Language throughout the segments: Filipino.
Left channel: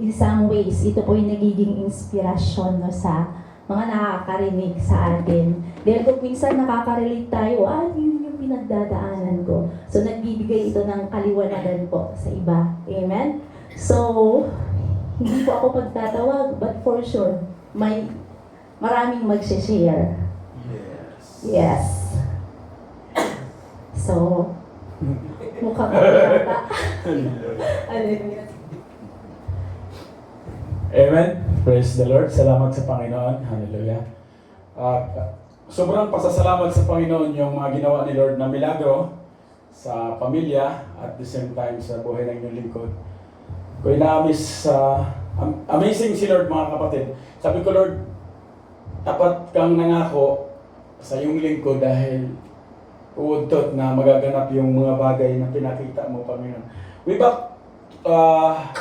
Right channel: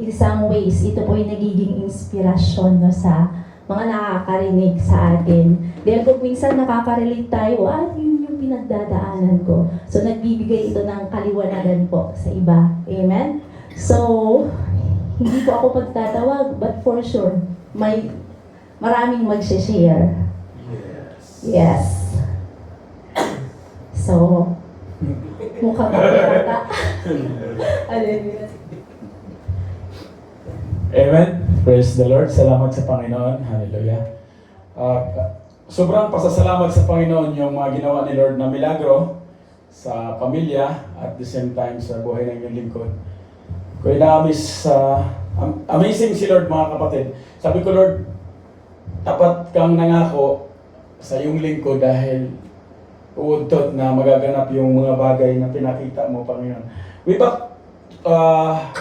in some ways, ito po yung nagiging inspirasyon no, sa mga nakakarinig sa atin. Dahil kung minsan nakaka-relate tayo, yun yung pinagdadaanan ko. So, nagbibigay ito ng kaliwanagan po sa iba. Amen? So, hindi po ako pagtatawag, but for sure, maraming mag-share. Yes. So, mukhang ako yata. Hallelujah. Amen. Praise the Lord. Salamat sa Panginoon. Hallelujah. Sobrang pasasalamat sa Panginoon yung mga ginawa ni Lord na milagro sa pamilya at the same time sa buhay ng inyong lingkod. Ko ina-amaze amazing si Lord, mga kapatid. Sabi ko, Lord, tapat kang nangako sa iyong lingkod dahil uudtot na magaganap yung mga bagay na pinakita mo, Panginoon. Way back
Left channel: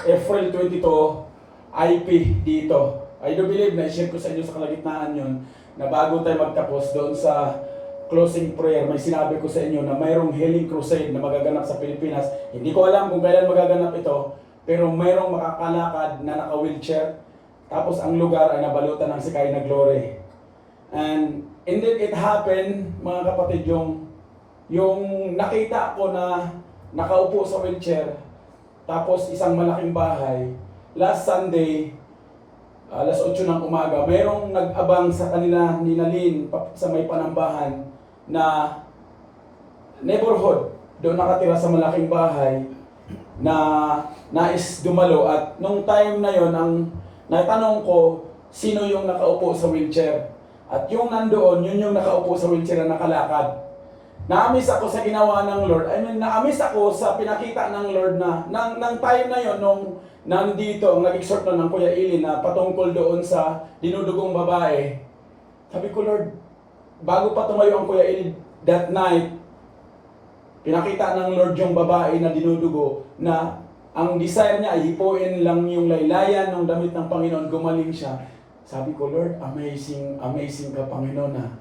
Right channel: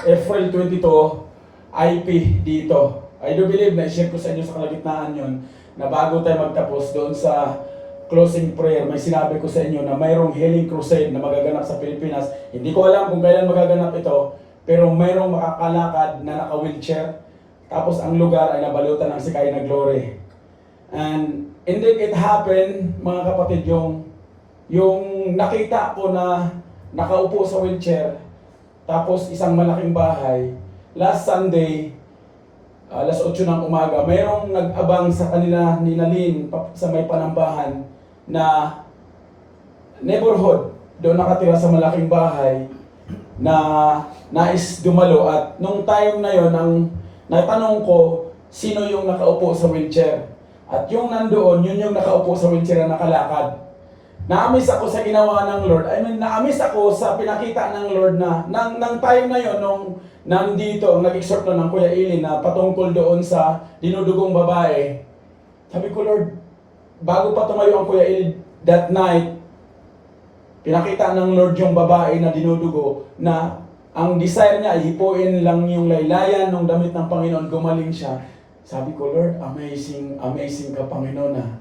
April 22, IP dito. I do believe na i-share ko sa inyo sa kalagitnaan yon na bago tayo magtapos doon sa closing prayer, may sinabi ko sa inyo na mayroong healing crusade na magaganap sa Pilipinas. Hindi ko alam kung kailan magaganap ito, pero mayroong makakalakad na naka-wheelchair. Tapos ang lugar ay nabalutan ng sikay na glory. And indeed it happened, mga kapatid, yung nakita ko na nakaupo sa wheelchair, tapos isang malaking bahay. Last Sunday, alas 8 ng umaga, mayroong nag-abang sa kanila ni Nalin sa may Panambahan na neighborhood. Doon nakatira sa malaking bahay na nais dumalo. At nung time na yon, ang natanong ko, sino yung nakaupo sa wheelchair? At yung nandoon, yun yung nakaupo sa wheelchair na nakalakad. Na-amaze ako sa ginawa ng Lord. Na-amaze ako sa pinakita ng Lord na nang time na yon, nung nandito, ang nag-exhort na ng Kuya Ili na patungkol doon sa dinudugong babae. Sabi ko, Lord, bago pa tumayo ang Kuya Ili that night, pinakita ng Lord yung babae na dinudugo na ang desire niya ay hipuin lang yung laylayan ng damit ng Panginoon, gumaling siya. Sabi ko, Lord, amazing ka, Panginoon na.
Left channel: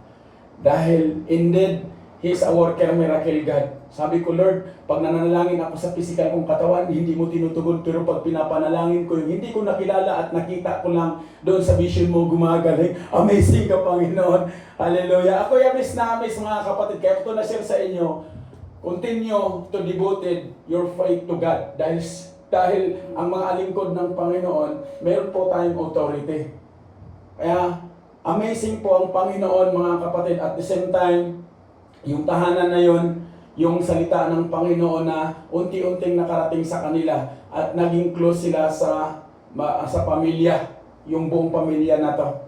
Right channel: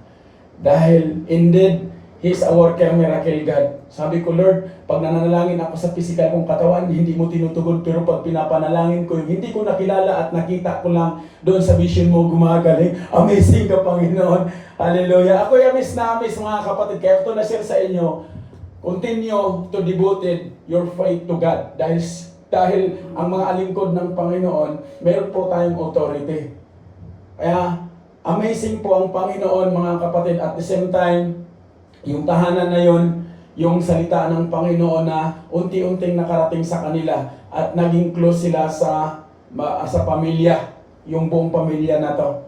Dahil indeed, He is a worker miracle God. Sabi ko, Lord, pag nananalangin ako sa physical kong katawan, hindi mo tinutugon. Pero pag pinapanalangin ko yung hindi ko nakilala at nakita ko lang doon sa vision mo gumagaling, amazing ka, Panginoon. Hallelujah. Ako yung miss mga kapatid. Kaya ito na-share sa inyo, continue to devoted your faith to God. Dahil ang mga alingkod ng Panginoon, meron po tayong authority. Kaya, amazing po ang Panginoon, mga kapatid. At the same time, yung tahanan na yon, yung salita ng Panginoon na unti-unting nakarating sa kanila at naging close sila sa pamilya, yung buong pamilya na to.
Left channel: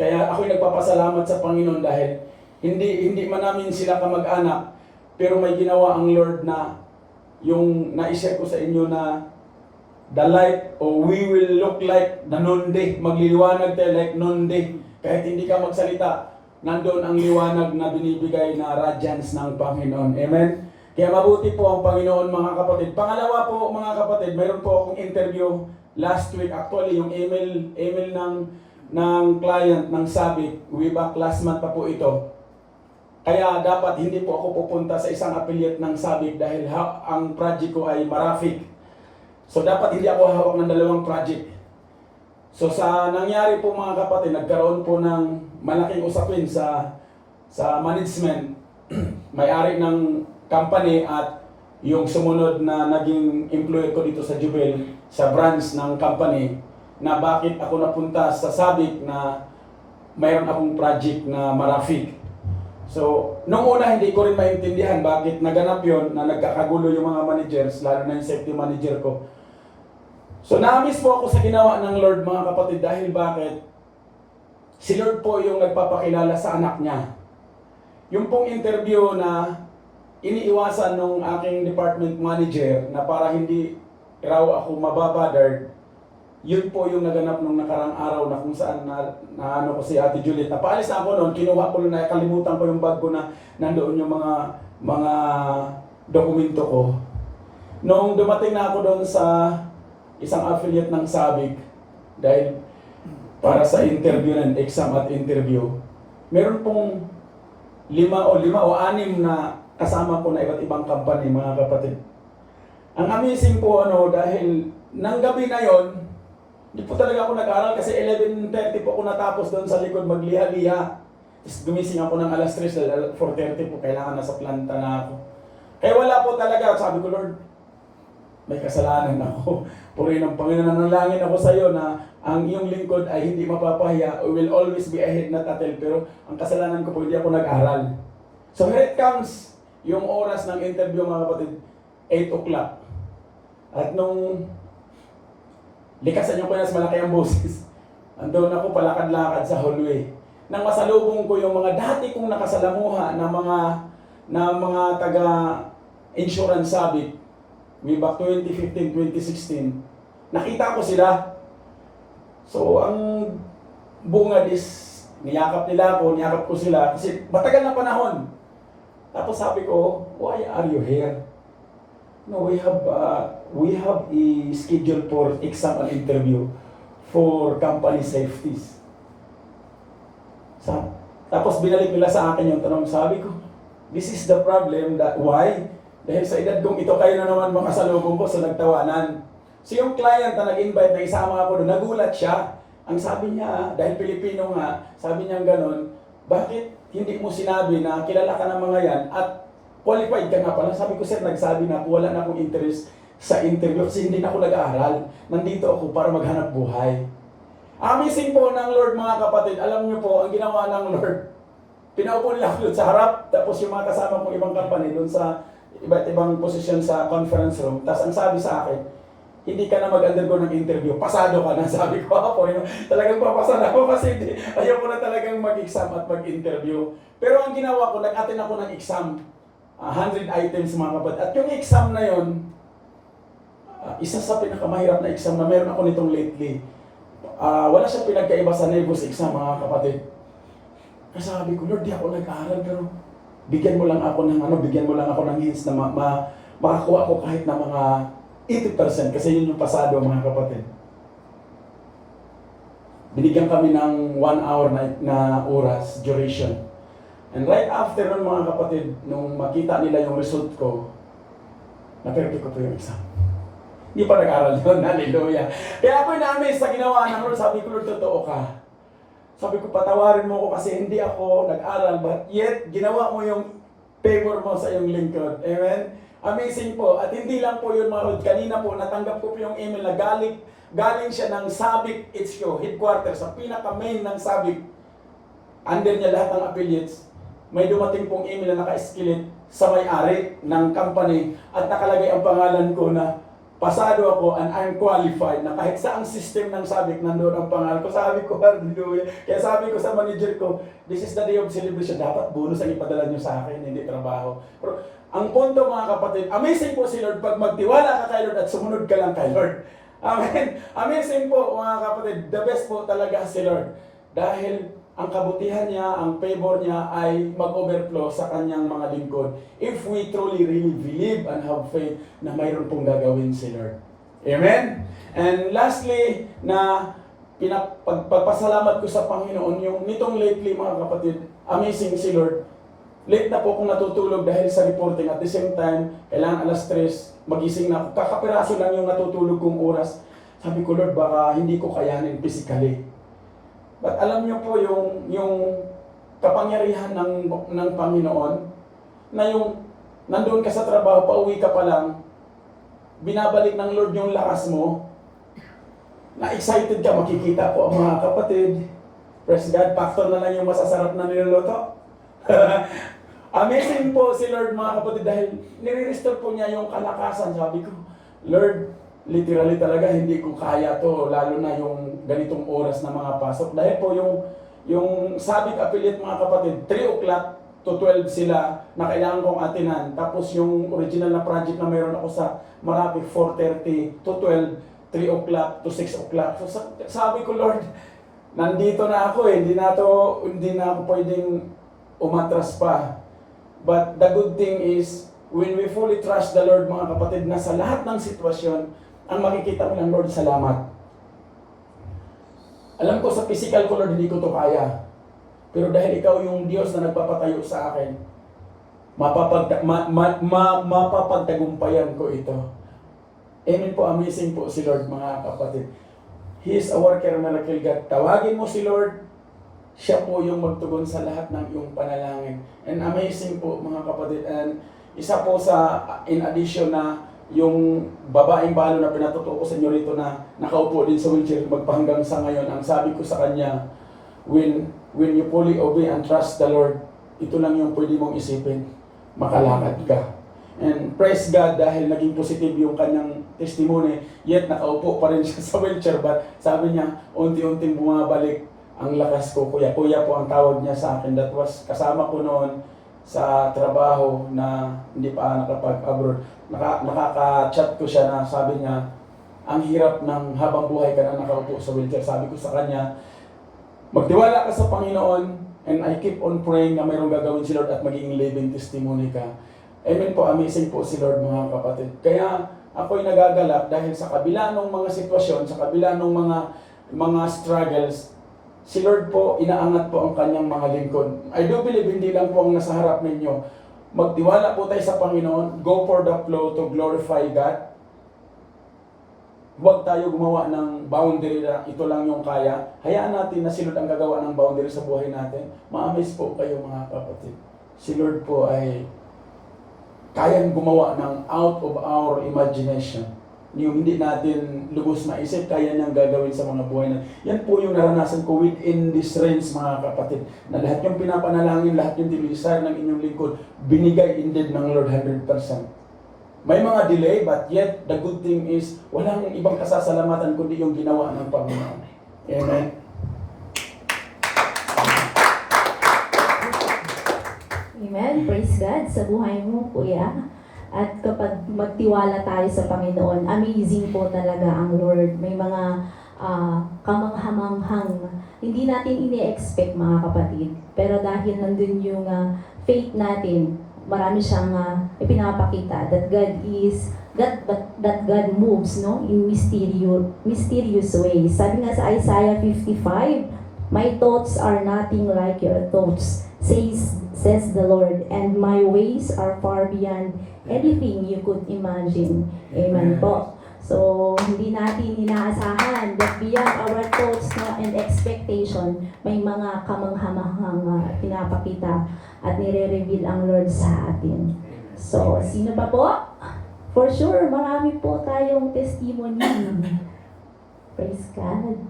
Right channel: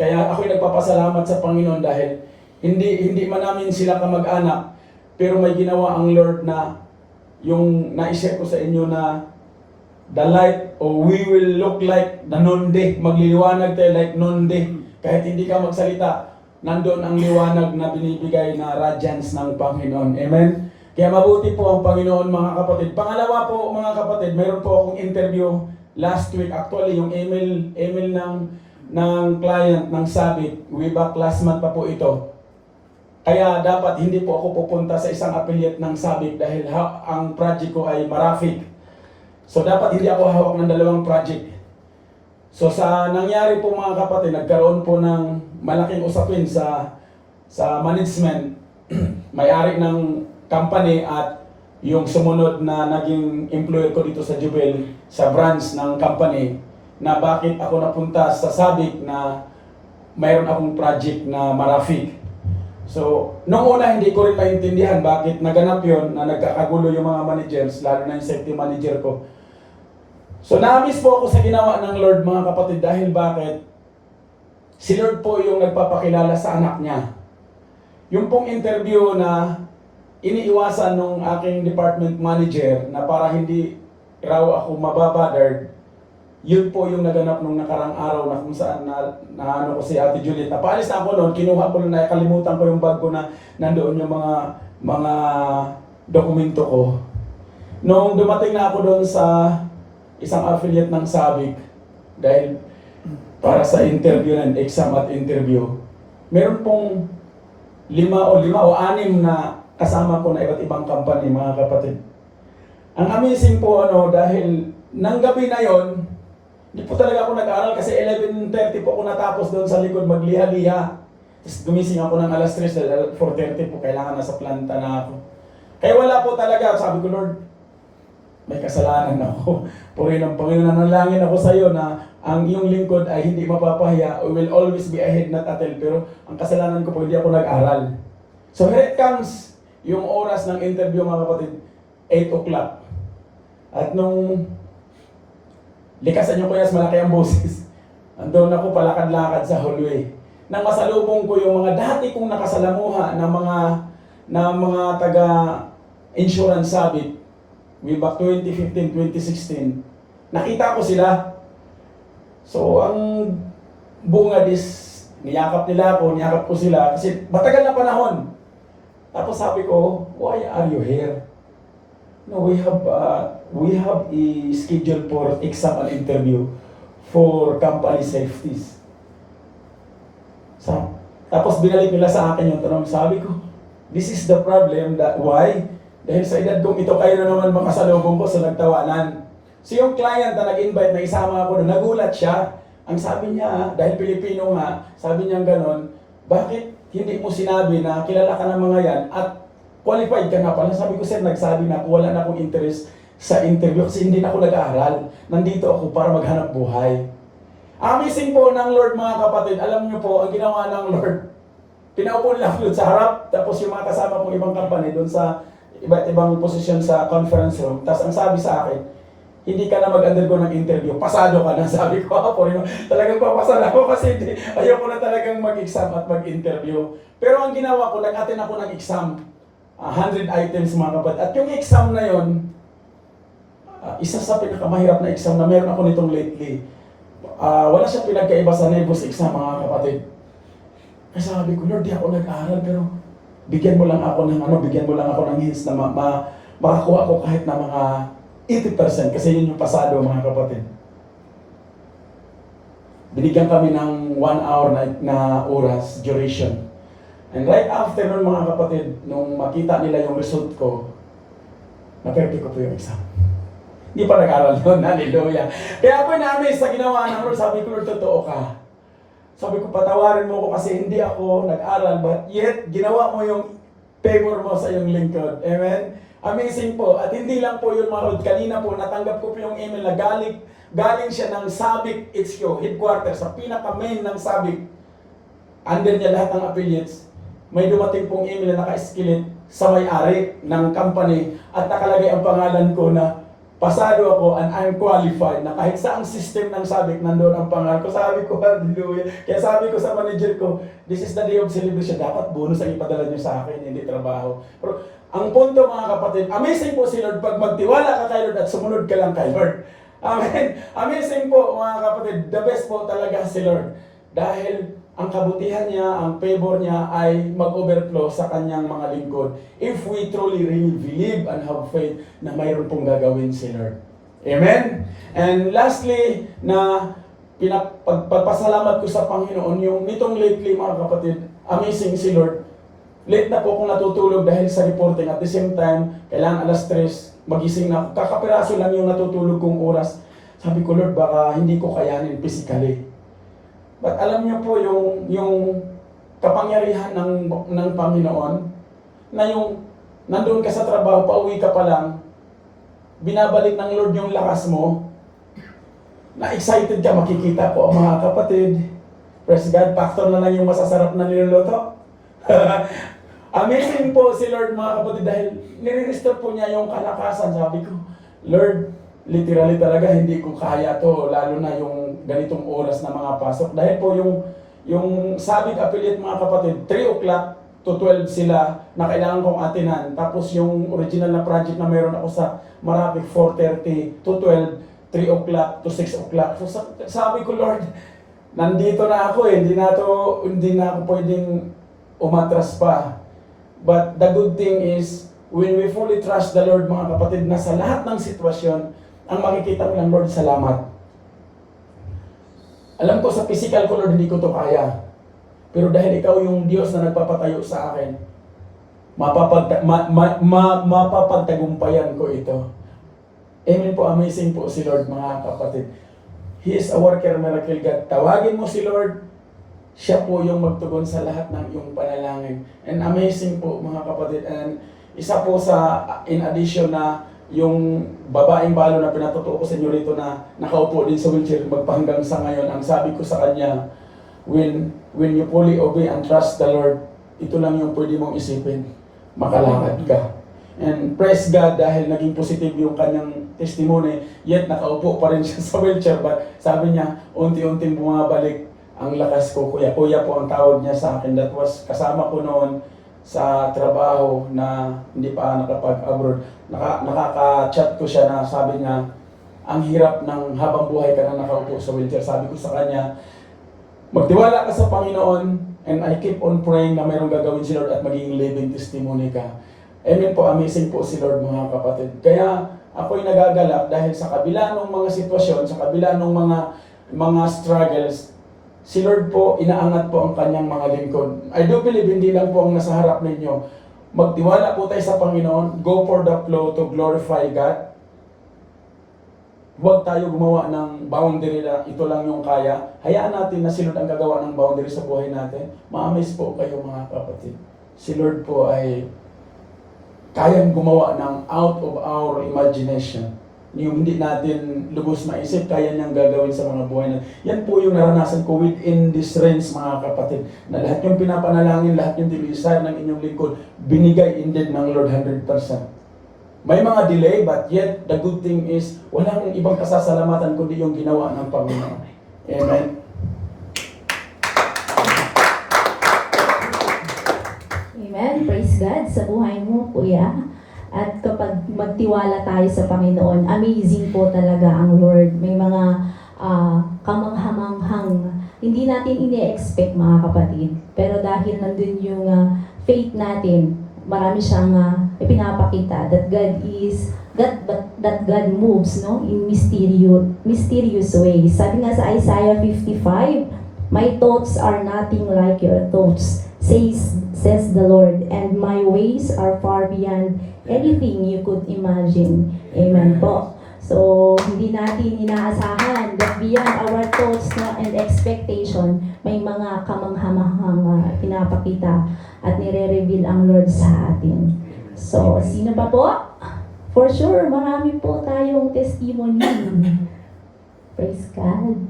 Kaya ako'y nagpapasalamat sa Panginoon dahil hindi man namin sila kamag-anak, pero may ginawa ang Lord na yung na-share ko sa inyo na the light, or we will look like the noonday, magliliwanag tayo like noonday. Kahit hindi ka magsalita, nandoon ang liwanag na binibigay na radiance ng Panginoon. Amen? Kaya mabuti po ang Panginoon, mga kapatid. Pangalawa po, mga kapatid, mayroon po akong interview last week. Actually, yung email ng client ng Sabik, way back last month pa po ito. Kaya dapat hindi po ako pupunta sa isang affiliate ng Sabik dahil ang project ko ay Marafik. So dapat hindi ako hawak ng dalawang project. So sa nangyari po, mga kapatid, nagkaroon po ng malaking usapin sa management, may-ari ng company at yung sumunod na naging employer ko dito sa Jubel, sa branch ng company, na bakit ako napunta sa Sabik na mayroon akong project na Marafik. So, nung una hindi ko rin maintindihan bakit naganap yon na nagkakagulo yung mga managers, lalo na yung safety manager ko. So, na-miss po ako sa ginawa ng Lord, mga kapatid, dahil bakit? Si Lord po yung nagpapakilala sa anak niya. Yung pong interview na iniiwasan nung aking department manager na para hindi raw ako mababothered, yun po yung naganap nung nakarang araw na kung saan na ko si Ate Juliet. Napaalis na ako noon, kinuha ko na, kalimutan ko yung bag ko na nandoon yung mga dokumento ko. Nung dumating na ako doon sa isang affiliate ng Sabik, dahil para sa interview ng exam at interview, meron pong 5 o 6 na kasama ko na iba't ibang company, mga kapatid. Ang amazing po dahil nang gabi na yon, hindi po talaga ako nag-aral kasi 11:30 po ako natapos doon sa likod magliha-liha. Tapos gumising ako ng alas 3 dahil 4:30 po, kailangan nasa planta na ako. Kaya wala po talaga, sabi ko, Lord, may kasalanan ako. Purihin ng Panginoon, nanalangin ako sa iyo na ang iyong lingkod ay hindi mapapahiya. We will always be ahead, not a tail. Pero ang kasalanan ko po, hindi ako nag-aral. So here it comes, yung oras ng interview mga kapatid, 8 o'clock. At nung likasan yung kuya, malaki ang boses. Andun ako palakad-lakad sa hallway. Nang masalubong ko yung mga dati kong nakasalamuha na mga taga insurance sabit way back 2015, 2016. Nakita ko sila. So ang bunga niyakap nila ako, niyakap ko sila kasi matagal na panahon. Tapos sabi ko, why are you here? No, we have a schedule for exam and interview for company safeties. Tapos binalik nila sa akin yung tanong, sabi ko, this is the problem, why? Dahil sa edad kong ito, kayo na naman makasalubong ko sa nagtawanan. So yung client na nag-invite na isama ako doon, nagulat siya. Ang sabi niya, dahil Pilipino nga, sabi niya gano'n, bakit hindi mo sinabi na kilala ka ng mga yan at qualified ka na pala? Sabi ko, sir, nagsabi na ako, wala na akong interest sa interview kasi hindi na ako nag-aaral. Nandito ako para maghanap buhay. Amazing po ng Lord mga kapatid. Alam niyo po, ang ginawa ng Lord, pinaupo nila ako sa harap, tapos yung mga kasama kong ibang company doon sa iba't ibang posisyon sa conference room. Tapos ang sabi sa akin, hindi ka na mag-undergo ng interview, pasado ka na. Sabi ko, talagang papasa na ako kasi ayoko na talagang mag-exam at mag-interview. Pero ang ginawa ko, nag-attend ako ng exam. 100 items mga kapatid. At yung exam na yun, isa sa pinakamahirap na exam na meron ako nitong lately. Wala siyang pinagkaiba sa NEBUS exam mga kapatid. Kasi sabi ko, Lord, di ako nag-aaral pero bigyan mo lang ako ng hints na makakuha ko kahit na mga 80% kasi yun yung pasado mga kapatid. Binigyan kami ng 1 hour na oras, duration. And right after nun mga kapatid, nung makita nila yung result ko, na-perfect ko po yung exam. Hindi pa nag-aral yun, hallelujah. Kaya ako na-amaze sa ginawa ng Lord, sabi ko, Lord, totoo ka. Sabi ko, patawarin mo ko kasi hindi ako nag-aral, but yet, ginawa mo yung favor mo sa iyong lingkod. Amen? Amazing po. At hindi lang po yun, mga Lord. Kanina po, natanggap ko po yung email na galing siya ng Sabic HQ, headquarters, sa pinaka-main ng Sabic. Under niya lahat ng affiliates. May dumating pong email na naka-skillet sa may-ari ng company at nakalagay ang pangalan ko na pasado ako and unqualified na kahit saang system ng Sabic nandoon ang pangalan ko. Sabi ko, hallelujah. Kaya sabi ko sa manager ko, this is the day of celebration. Dapat bonus ang ipadala nyo sa akin, hindi trabaho. Pero ang punto mga kapatid, amazing po si Lord pag magtiwala ka kay Lord at sumunod ka lang kay Lord. Amen. Amazing po mga kapatid. The best po talaga si Lord. Dahil ang kabutihan niya, ang favor niya ay mag-overflow sa kanyang mga lingkod. If we truly really believe and have faith na mayroon pong gagawin si Lord. Amen? And lastly, na pagpasalamat ko sa Panginoon, yung nitong lately mga kapatid, amazing si Lord. Late na po akong natutulog dahil sa reporting. At the same time, kailangan alas 3, magising na ako. Kakapiraso lang yung natutulog kong oras. Sabi ko, Lord, baka hindi ko kayanin physically. But alam niyo po yung kapangyarihan ng Panginoon na yung nandoon ka sa trabaho, pauwi ka pa lang, binabalik ng Lord yung lakas mo, na excited ka, makikita po ang mga kapatid. Praise God, factor na lang yung masasarap na niluluto. Amazing po si Lord mga kapatid dahil nire-restore po niya yung kalakasan. Sabi ko, Lord, literally talaga hindi ko kaya to, lalo na yung ganitong oras na mga pasok. Dahil po yung Sabic affiliate mga kapatid, 3 o'clock to 12 sila na kailangan kong atinan. Tapos yung original na project na mayroon ako sa Marapi, 4:30 to 12, 3 o'clock to 6 o'clock. So sabi ko, Lord, nandito na ako hindi na ako pwedeng umatras pa. But the good thing is, when we fully trust the Lord mga kapatid, na sa lahat ng sitwasyon, ang makikita ko lang, Lord, salamat. Alam ko sa physical ko, Lord, hindi ko to kaya. Pero dahil ikaw yung Diyos na nagpapatayo sa akin, mapapagtagumpayan ko ito. Amen po, amazing po si Lord mga kapatid. He is a worker miracle God. Tawagin mo si Lord, siya po yung magtugon sa lahat ng iyong panalangin. And amazing po mga kapatid. And isa po sa, in addition na yung babaeng balo na pinatutuo ko sa inyo rito na nakaupo din sa wheelchair magpahanggang sa ngayon, ang sabi ko sa kanya, when you fully obey and trust the Lord, ito lang yung pwede mong isipin, makalakad ka. And praise God dahil naging positive yung kanyang testimony, yet nakaupo pa rin siya sa wheelchair. But sabi niya, unti-unting bumabalik ang lakas ko. Kuya po ang tawag niya sa akin. That was kasama ko noon sa trabaho na hindi pa nakapag-abroad. Nakaka-chat ko siya na sabi niya, ang hirap ng habang buhay ka na nakaupo sa wheelchair. Sabi ko sa kanya, magtiwala ka sa Panginoon and I keep on praying na mayroong gagawin si Lord at magiging living testimony ka. Amen po, amazing po si Lord mga kapatid. Kaya ako'y nagagalak dahil sa kabila ng mga sitwasyon, sa kabila ng mga struggles, si Lord po, inaangat po ang kanyang mga lingkod. I do believe hindi lang po ang nasa harap ninyo. Magtiwala po tayo sa Panginoon, go for the flow to glorify God. Huwag tayo gumawa ng boundary na ito lang yung kaya. Hayaan natin na si Lord ang gagawa ng boundary sa buhay natin. Ma-amaze po kayo mga kapatid. Si Lord po ay kayang gumawa ng out of our imagination. Yung hindi natin lubos maisip, kaya niyang gagawin sa mga buhay natin. Yan po yung naranasan ko within this range mga kapatid. Na lahat yung pinapanalangin, lahat yung dinisire ng inyong lingkod, binigay indeed ng Lord 100%. May mga delay, but yet the good thing is, walang ibang kasasalamatan kundi yung ginawa ng Panginoon. Amen. Amen. Praise God sa buhay mo, Kuya. At kapag magtiwala tayo sa Panginoon, amazing po talaga ang Lord. May mga kamanghamanghang hindi natin ini-expect mga kapatid. Pero dahil nandun yung faith natin, marami siyang ipinapakita that God moves in mysterious ways. Sabi nga sa Isaiah 55, my thoughts are nothing like your thoughts, says the Lord, and my ways are far beyond anything you could imagine. Amen po. So, hindi natin inaasahan that beyond our thoughts and expectation, may mga kamanghamanghang pinapakita at nire-reveal ang Lord sa atin. So, sino pa po? For sure, marami po tayong testimony. Praise God.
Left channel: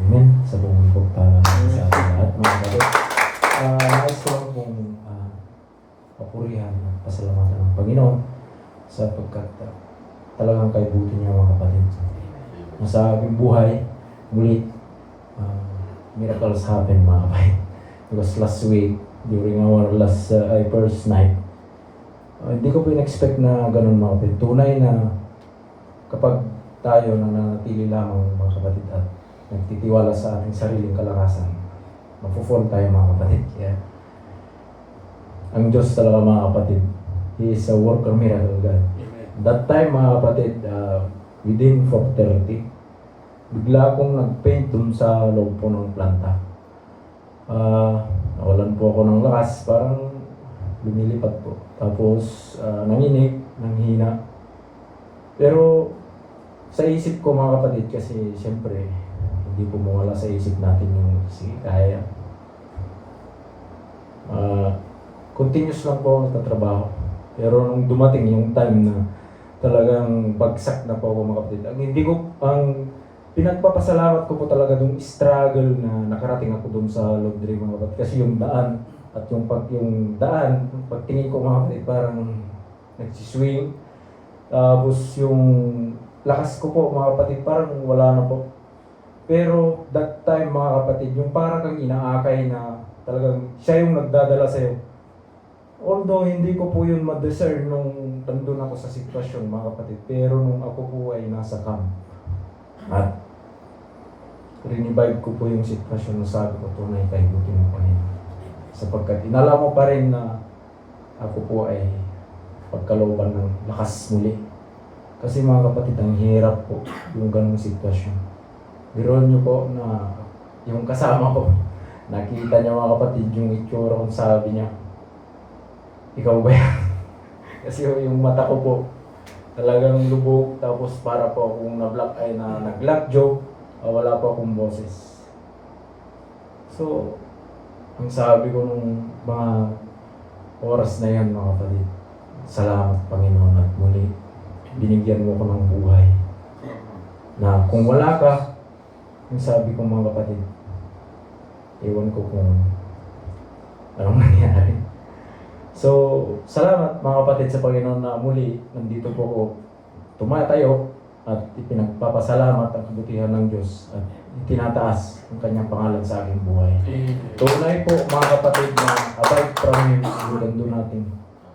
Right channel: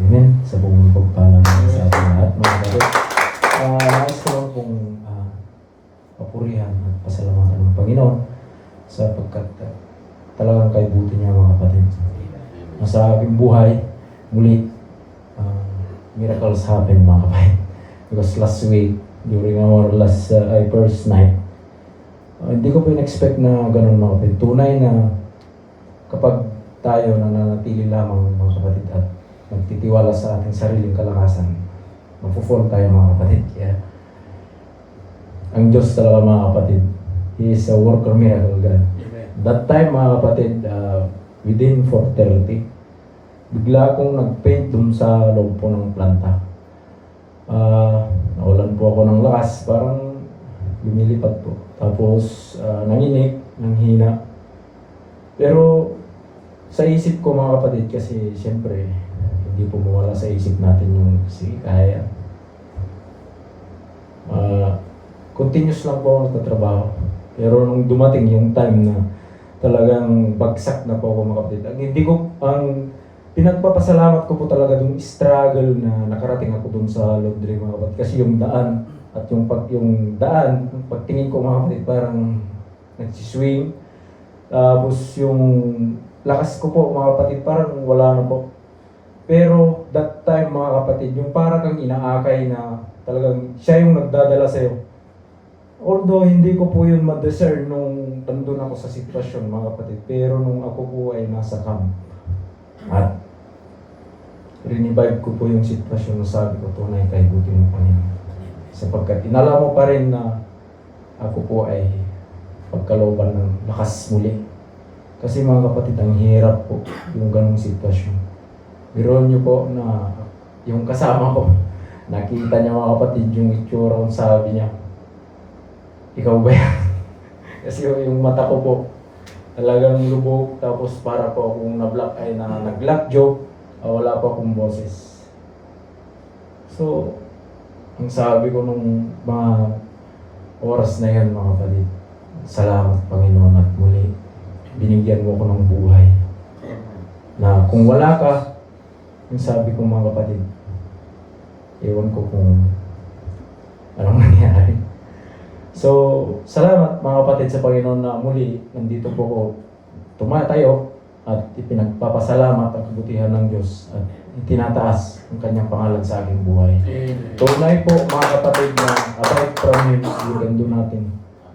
Amen. Sa buong pagpalang sa ating lahat, mga kapatid. Nais ko lang pong papurihan at pasalamatan ng Panginoon sapagkat talagang kaibuti niya, mga kapatid. Sa aking buhay, muli, miracles happen, mga kapatid. Because last week, during our first night, hindi ko po in-expect na ganun, mga kapatid. Tunay na kapag tayo nananatili lamang, mga kapatid, at nagtitiwala sa ating sariling kalakasan, mapufall tayo, mga kapatid. Kaya, ang Diyos talaga, mga kapatid, He is a worker miracle God. That time, mga kapatid, within 4:30, bigla akong nag-paint dun sa loob po ng planta. Nawalan po ako ng lakas, parang lumilipat po. Tapos, nanginig, nanghina. Pero, sa isip ko, mga kapatid, kasi siyempre, hindi po mawala sa isip natin yung kaya. Continuous lang po ako nagtatrabaho. Pero nung dumating yung time na talagang bagsak na po ako, mga kapatid, ang pinagpapasalamat ko po talaga yung struggle na nakarating ako dun sa laundry, mga kapatid. Kasi yung daan at yung daan, pagtingin ko, mga kapatid, parang nagsiswing. Tapos yung lakas ko po, mga kapatid, parang wala na po. Pero that time, mga kapatid, yung parang kang inaakay na talagang siya yung nagdadala sa'yo. Although hindi ko po yun ma-discern nung nandun ako sa sitwasyon, mga kapatid. Pero nung ako po ay nasa camp at rinivive ko po yung sitwasyon na sabi ko, tunay kaibuti mo, Panginoon. Sapagkat inala mo pa rin na ako po ay pagkalooban ng lakas muli. Kasi, mga kapatid, ang hirap po yung ganong sitwasyon. Biruan niyo po na yung kasama ko, Nakita niya mga kapatid yung itsura ko, sabi niya, ikaw ba yan? Kasi yung mata ko po, talagang lubog, tapos para po akong na-black eye na nag-black joke, wala pa akong boses. So, ang sabi ko nung mga oras na yan mga kapatid, salamat Panginoon at muli, binigyan mo ko ng buhay. Na kung wala ka, ang sabi ko mga kapatid, ewan ko kung anong nangyari. So, salamat mga kapatid sa Panginoon na muli, nandito po ko tumatayo at ipinagpapasalamat ang kabutihan ng Diyos at itinataas ang kanyang pangalan sa aking buhay. Tunay po mga kapatid na abide from Him, yung gando natin.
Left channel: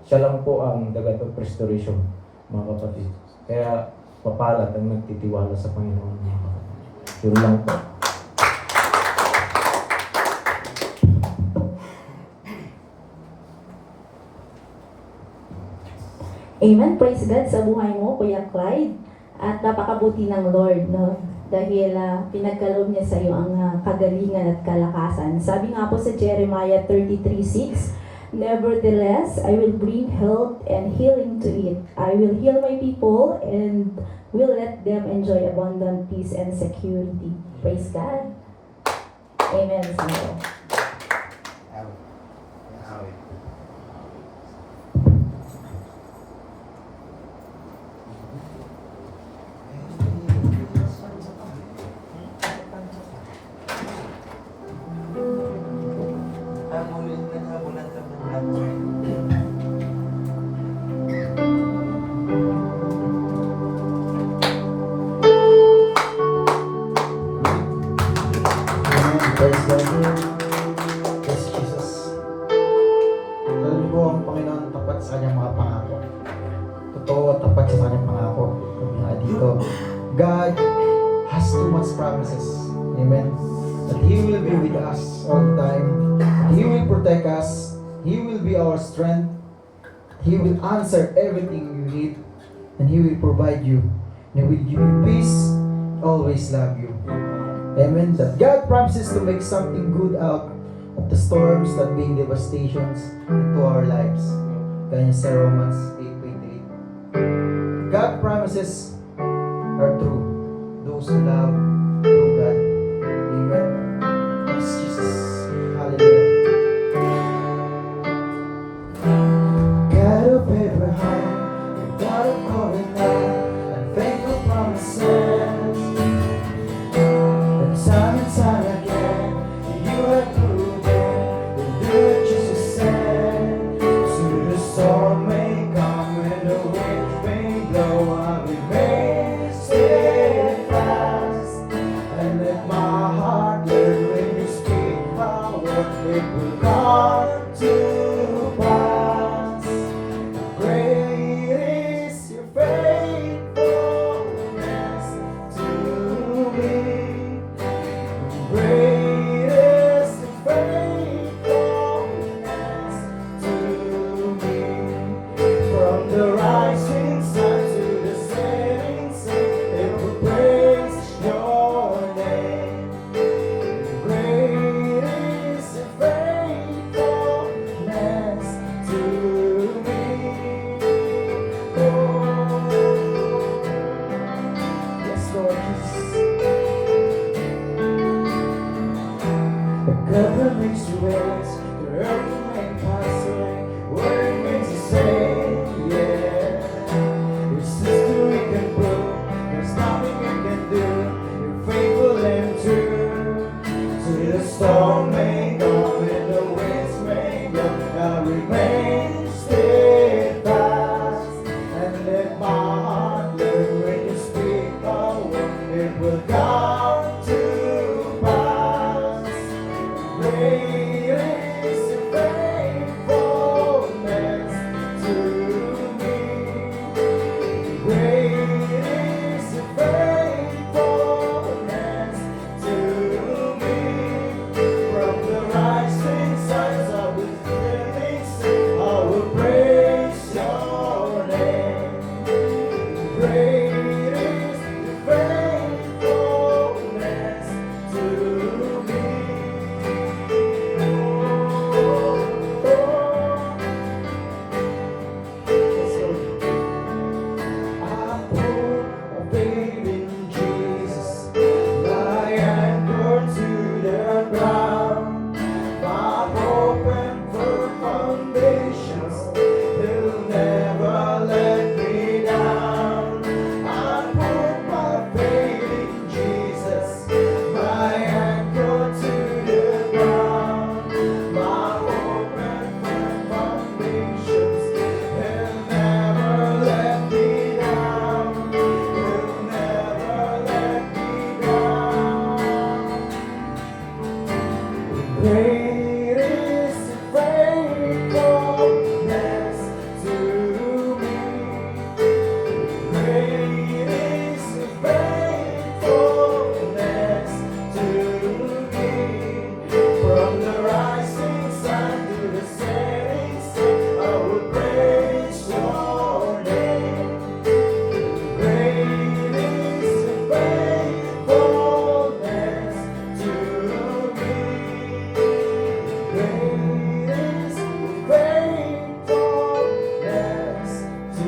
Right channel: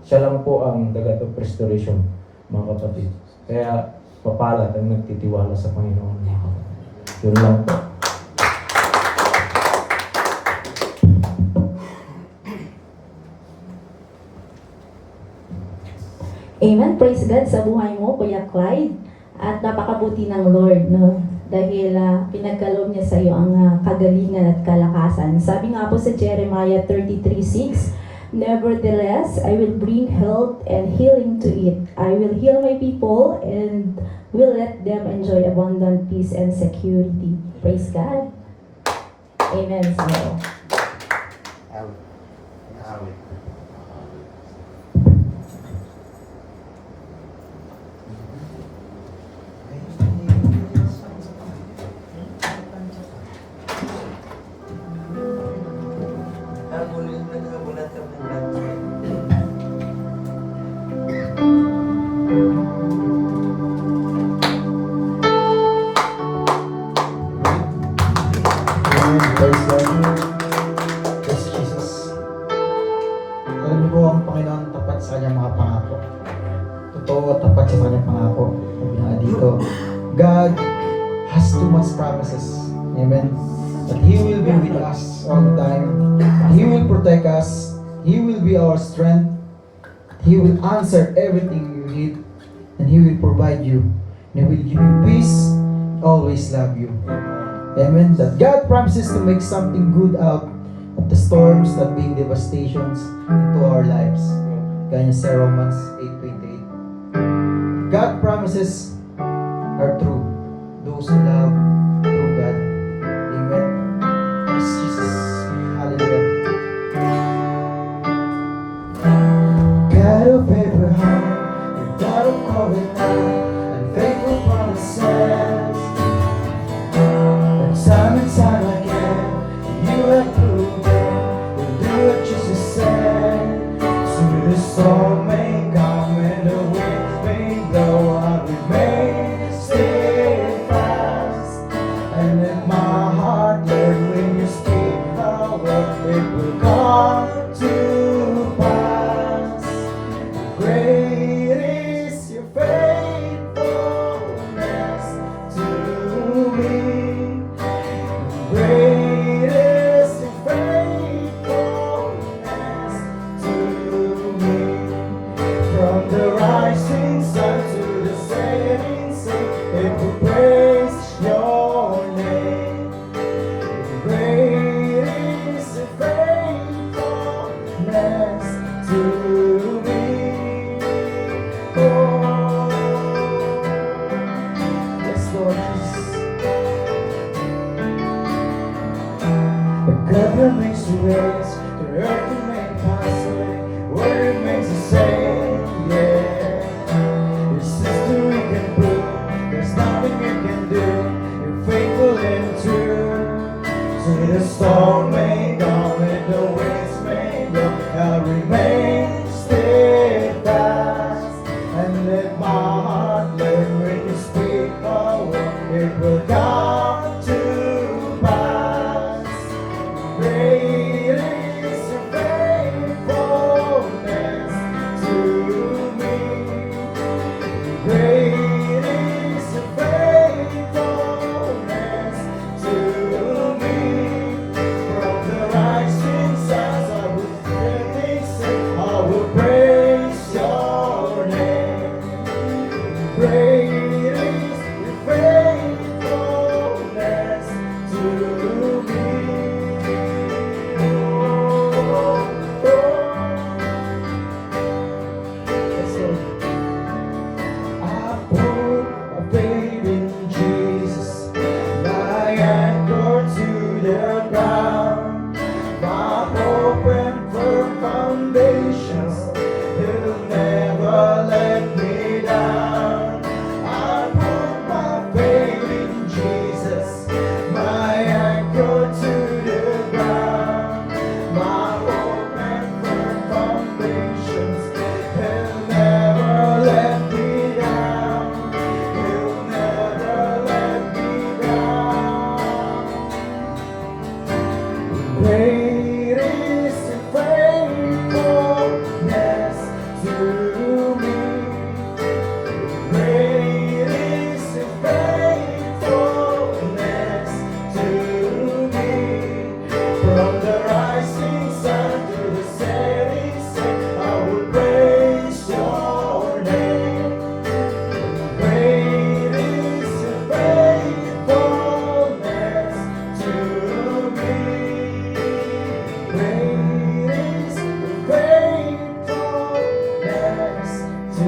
Siya lang po ang the God of restoration mga kapatid. Kaya papalad ang nagtitiwala sa Panginoon mga kapatid. Yun lang po. Amen. Praise God sa buhay mo, Kuya Clyde. At napakabuti ng Lord, no? Dahil pinagkaloob niya sa iyo ang kagalingan at kalakasan. Sabi nga po sa Jeremiah 33:6, nevertheless, I will bring health and healing to it. I will heal my people and will let them enjoy abundant peace and security. Praise God. Amen. So, Praise God. Praise Jesus. Alam niyo po ang Panginoon tapat sa kanyang mga pangako. Totoo at tapat siya sa kanyang pangako. Sabi nga dito, God has too much promises. Amen. That He will be with us all the time. That He will protect us. He will be our strength. He will answer everything you need. And He will provide you. And He will give you peace. Always love you. Amen. That God promises to make something good out of the storms that bring devastations into our lives. Kanya sa Romans 8:28. God promises are true. Those who love true God. Amen. Yes, Jesus. Hallelujah. God of Abraham, the God of covenant, and faithful promises. Time and time again, you have proven you'll do what Jesus said. So when the storm may come, when the winds may blow, I remain steadfast. And let my heart learn when you speak a word, it will come to pass. Great is your faithfulness to me. Great is your faithfulness to me. foundations. He'll never let me down. I put my faith in Jesus, my anchor to the ground, my hope and firm foundations. He'll never let me down. He'll never let me down. Great is your faithfulness to me. Great is your faithfulness to me. From the rising sun to the setting sun, I will praise your name. Great is your faithfulness to me. Great is your faithfulness to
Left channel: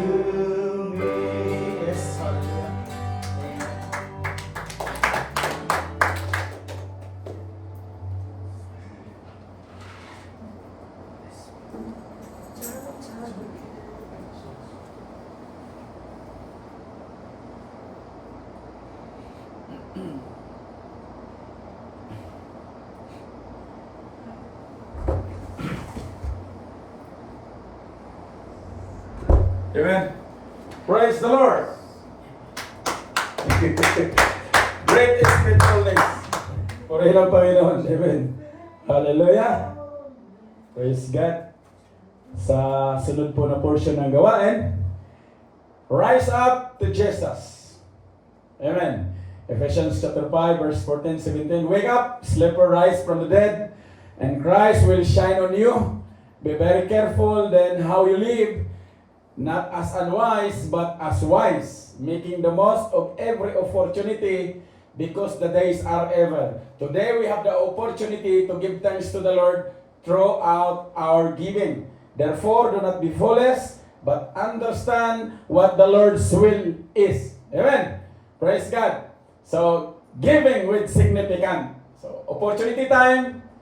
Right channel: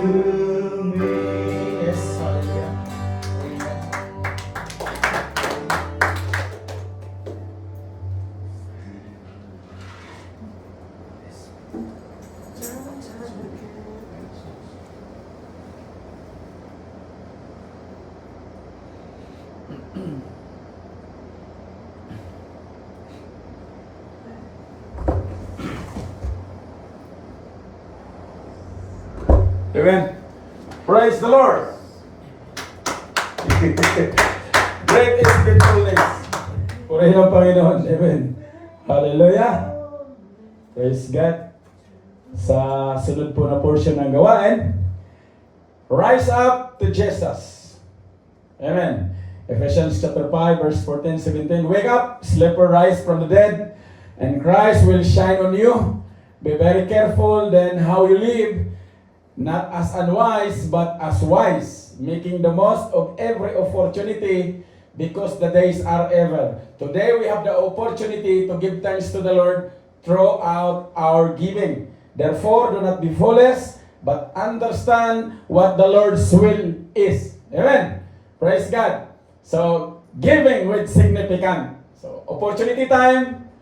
me. Yes, hallelujah. Amen. Praise the Lord. Great is faithfulness. Purihin ang Panginoon. Amen. Hallelujah. Praise God. Sa sunod po na portion ng gawain, rise up to Jesus. Amen. Ephesians chapter 5 verse 14, 17. Wake up, sleeper, rise from the dead, and Christ will shine on you. Be very careful then how you live, not as unwise, but as wise, making the most of every opportunity, because the days are evil. Today we have the opportunity to give thanks to the Lord throughout our giving. Therefore, do not be foolish, but understand what the Lord's will is. Amen. Praise God. So, giving with significant. So, opportunity time.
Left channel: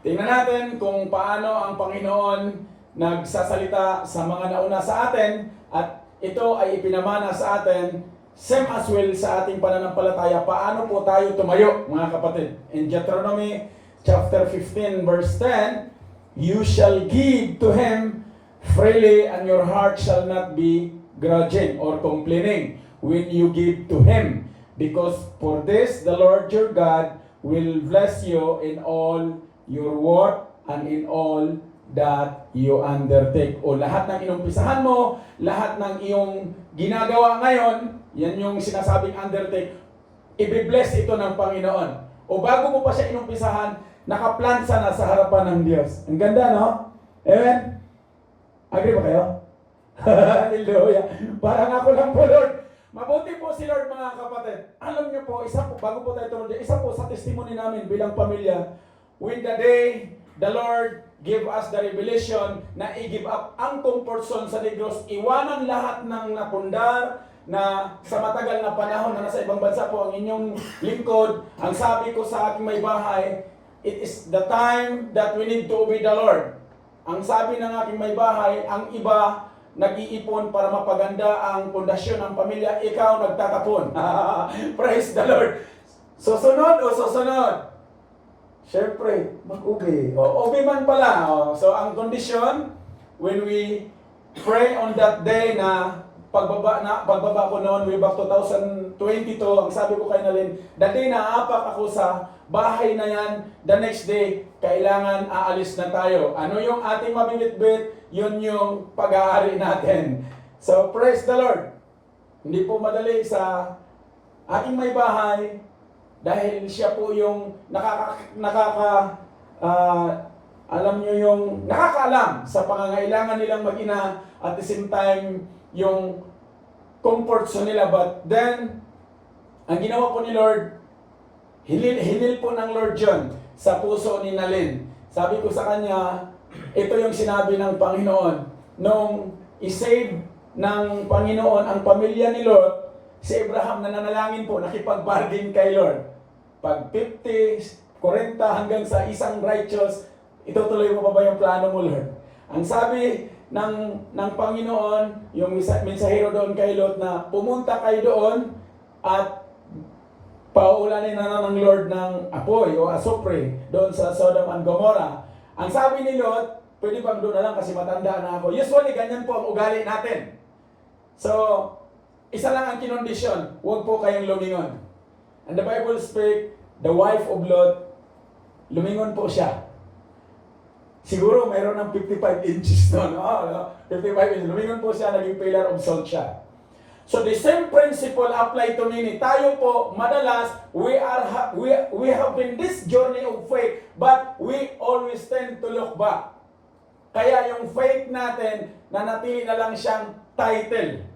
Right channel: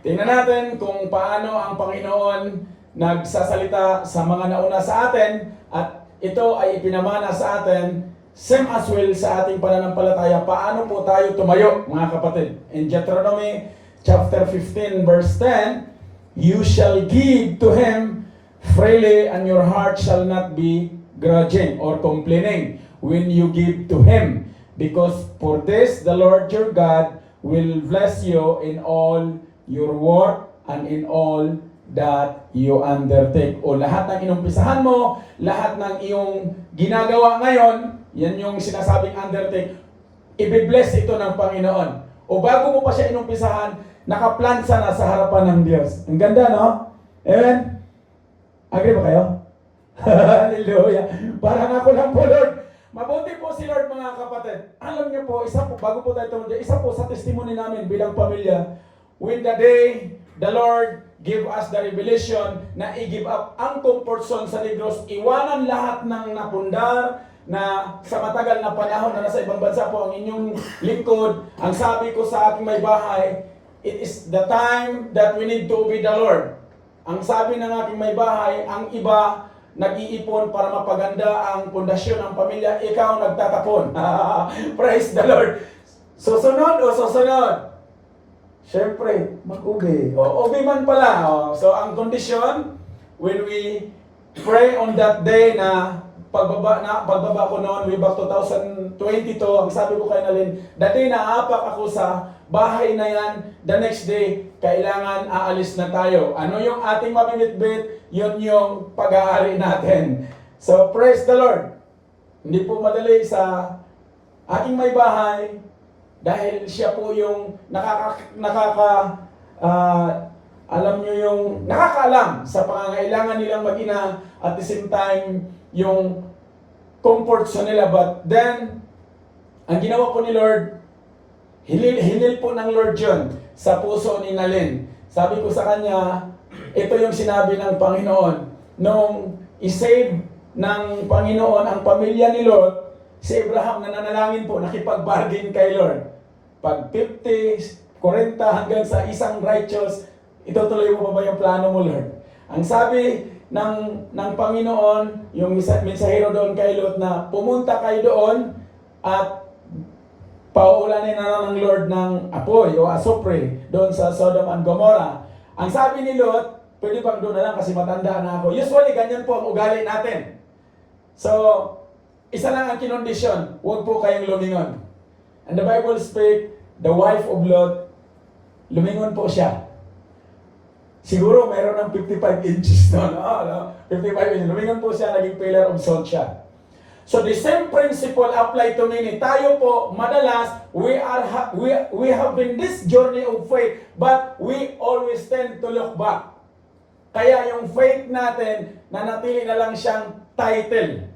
Tingnan natin kung paano ang Panginoon nagsasalita sa mga nauna sa atin, at ito ay ipinamana sa atin, same as well sa ating pananampalataya. Paano po tayo tumayo, mga kapatid? In Deuteronomy chapter 15 verse 10, you shall give to him freely, and your heart shall not be grudging or complaining when you give to him, because for this the Lord your God will bless you in all your work and in all that you undertake. O lahat ng inumpisahan mo, lahat ng iyong ginagawa ngayon, yan yung sinasabing undertake, i-bless ito ng Panginoon. O bago mo pa siya inumpisahan, nakaplansa na sa harapan ng Diyos. Ang ganda, no? Amen? Agree ba kayo? Hallelujah. Parang ako lang po, Lord. Mabuti po si Lord, mga kapatid. Alam niyo po, isa po, bago po tayo tumunod, isa po sa testimony namin bilang pamilya, when the day the Lord give us the revelation na i-give up ang comfort zone sa Negros, iwanan lahat ng napundar na sa matagal na panahon na nasa ibang bansa po ang inyong lingkod. Ang sabi ko sa aking may bahay, it is the time that we need to obey the Lord. Ang sabi ng aking may bahay, ang iba nag-iipon para mapaganda ang pundasyon ng pamilya, ikaw nagtatapon. Praise the Lord. Susunod o susunod? Siyempre, mag-ubi. O, ubi man pala. O, so, ang condition, when we pray on that day na pagbaba ko noon, way back 2022, ang sabi ko kay Nalin, the day na aapak ako sa bahay na yan, the next day, kailangan aalis na tayo. Ano yung ating mamimit-bit? Yun yung pag-aari natin. So, praise the Lord. Hindi po madali sa aking may bahay, dahil siya po yung alam nyo yung nakakaalam sa pangangailangan nilang mag-ina, at the same time yung comfort sa nila. But then, ang ginawa po ni Lord, hinil po ng Lord yun sa puso ni Nalin. Sabi ko sa kanya, ito yung sinabi ng Panginoon. Nung isave ng Panginoon ang pamilya ni Lot, si Abraham na nanalangin po, nakipag-bargain kay Lord. Pag 50, 40 hanggang sa isang righteous, itutuloy mo pa ba yung plano mo, Lord? Ang sabi ng Panginoon, yung mensahero doon kay Lot na pumunta kayo doon at pauulanin na ng Lord ng apoy o asupre doon sa Sodom and Gomorrah. Ang sabi ni Lot, pwede bang doon na lang kasi matanda na ako. Usually, ganyan po ang ugali natin. So, isa lang ang kinondisyon, huwag po kayong lumingon. And the Bible speak, the wife of Lot, lumingon po siya. Siguro mayroon ng 55 inches doon. 55 inches. Lumingon po siya, naging pillar of salt siya. So the same principle apply to many. Tayo po, madalas, we have been this journey of faith, but we always tend to look back. Kaya yung faith natin, nanatili na lang siyang title.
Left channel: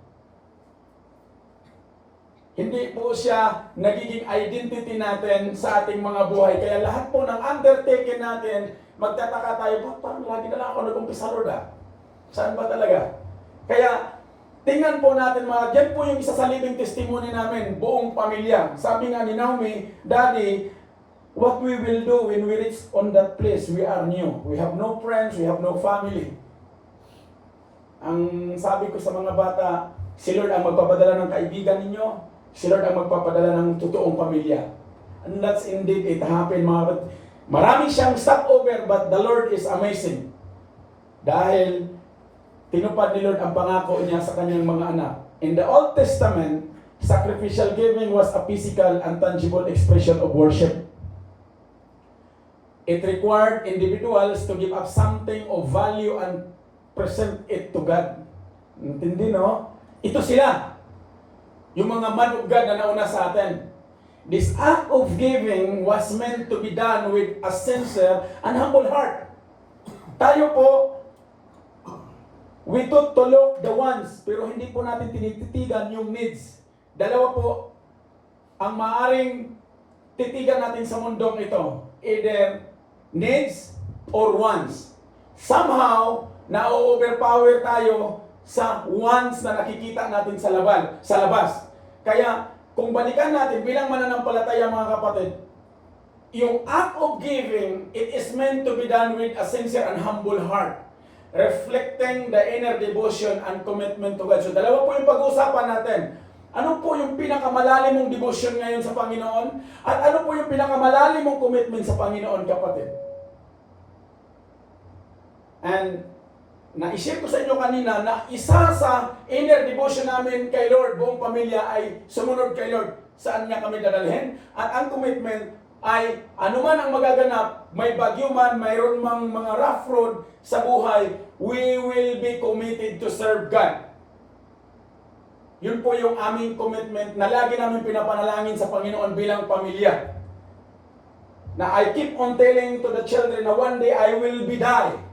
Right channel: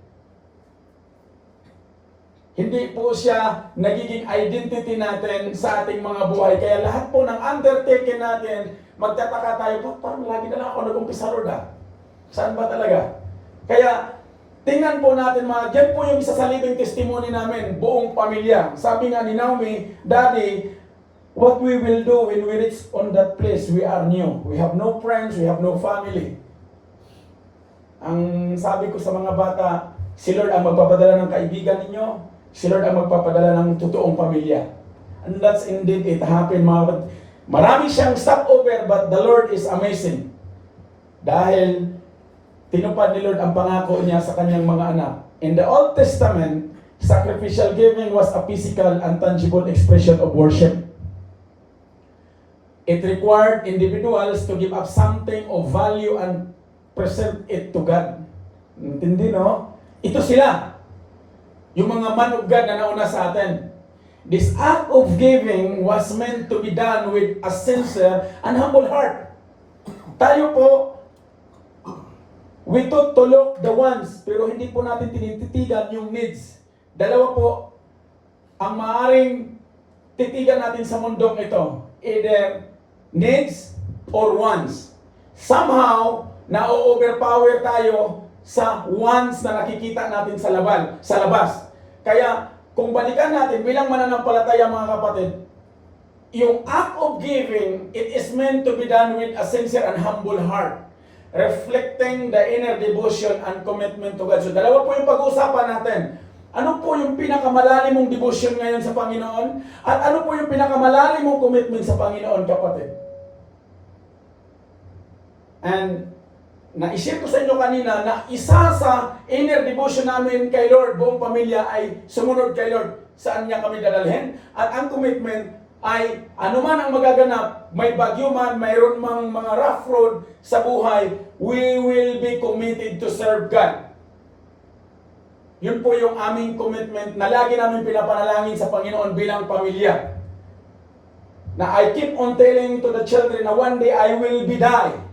Hindi po siya nagiging identity natin sa ating mga buhay. Kaya lahat po ng undertaking natin, magtataka tayo, parang lagi na lang ako nag-umpisa, Lord Saan ba talaga? Kaya, tingnan po natin yan po yung isa sa living testimony namin, buong pamilya. Sabi nga ni Naomi, Daddy, what we will do when we reach on that place, we are new. We have no friends, we have no family. Ang sabi ko sa mga bata, si Lord ang magpapadala ng kaibigan ninyo, si Lord ang magpapadala ng totoong pamilya. And that's indeed it happened, mga. Marami siyang stopover, but the Lord is amazing. Dahil tinupad ni Lord ang pangako niya sa kanyang mga anak. In the Old Testament, sacrificial giving was a physical and tangible expression of worship. It required individuals to give up something of value and present it to God. Intindi, no? Ito sila. Yung mga man of God na nauna sa atin. This act of giving was meant to be done with a sincere and humble heart. Tayo po, we thought to look the wants, pero hindi po natin tinititigan yung needs. Dalawa po, ang maaaring titigan natin sa mundong ito. Either needs or wants. Somehow, na-overpower tayo sa wants na nakikita natin sa labas. Kaya, kung balikan natin bilang mananampalataya, mga kapatid, yung act of giving, it is meant to be done with a sincere and humble heart, reflecting the inner devotion and commitment to God. So dalawa po yung pag-uusapan natin. Ano po yung pinakamalalim mong devotion ngayon sa Panginoon? At ano po yung pinakamalalim mong commitment sa Panginoon, kapatid? And na-share ko sa inyo kanina na isa sa inner devotion namin kay Lord, buong pamilya, ay sumunod kay Lord. Saan niya kami dadalhin? At ang commitment ay anuman ang magaganap, may bagyo man, mayroon mang mga rough road sa buhay, we will be committed to serve God. Yun po yung aming commitment na lagi namin pinapanalangin sa Panginoon bilang pamilya. Na I keep on telling to the children na one day I will be die.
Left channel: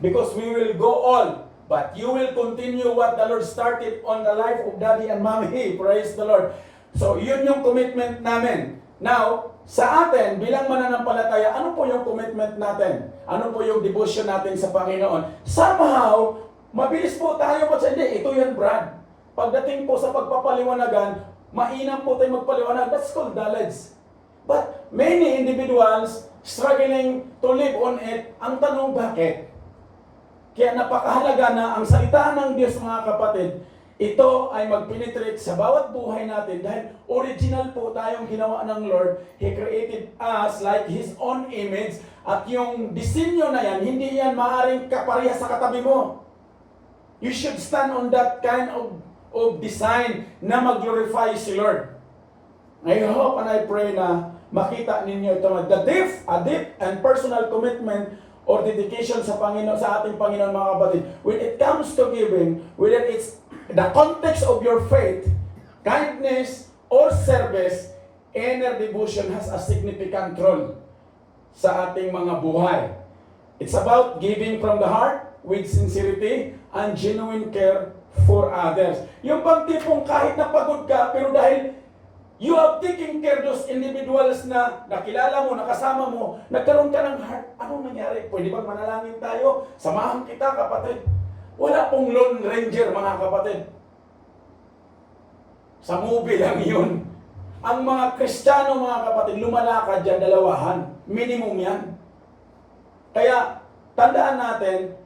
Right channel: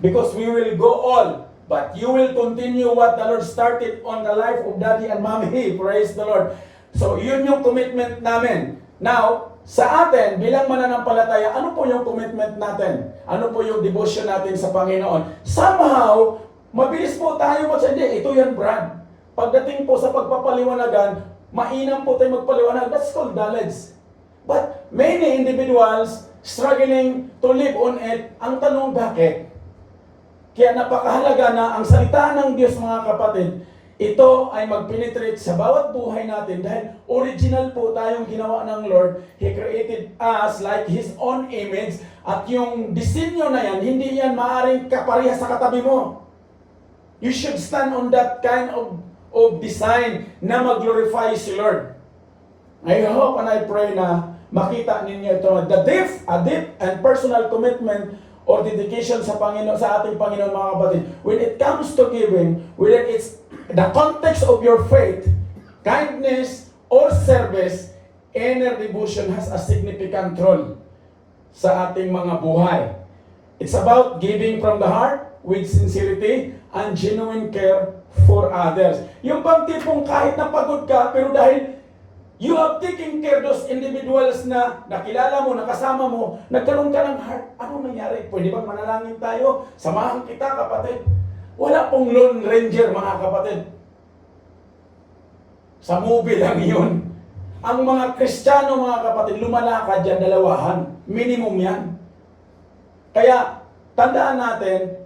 Because we will go all, but you will continue what the Lord started on the life of Daddy and Mommy. Praise the Lord. So, yun yung commitment namin. Now, sa atin, bilang mananampalataya, ano po yung commitment natin? Ano po yung devotion natin sa Panginoon? Somehow, mabilis po tayo hindi, ito yan, Brad. Pagdating po sa pagpapaliwanagan, mainam po tayo magpaliwanag. That's called knowledge. But many individuals struggling to live on it, ang tanong, bakit? Kaya napakahalaga na ang salita ng Diyos, mga kapatid, ito ay mag-penetrate sa bawat buhay natin dahil original po tayong ginawa ng Lord. He created us like His own image, at yung disenyo na yan, hindi yan maaaring kapareha sa katabi mo. You should stand on that kind of design na mag-glorify si Lord. I hope and I pray na makita ninyo ito, a deep and personal commitment or dedication sa Panginoon, sa ating Panginoon, mga kapatid. When it comes to giving, whether it's the context of your faith, kindness, or service, inner devotion has a significant role sa ating mga buhay. It's about giving from the heart with sincerity and genuine care for others. Yung bang tipong kahit napagod ka, pero dahil you have taken care those individuals na nakilala mo, nakasama mo, nagkaroon ka ng heart. Anong nangyari? Pwede bang manalangin tayo? Samahan kita, kapatid. Wala pong Lone Ranger, mga kapatid. Sa movie lang yun. Ang mga Kristiyano, mga kapatid, lumalakad dyan, dalawahan. Minimum yan. Kaya, tandaan natin,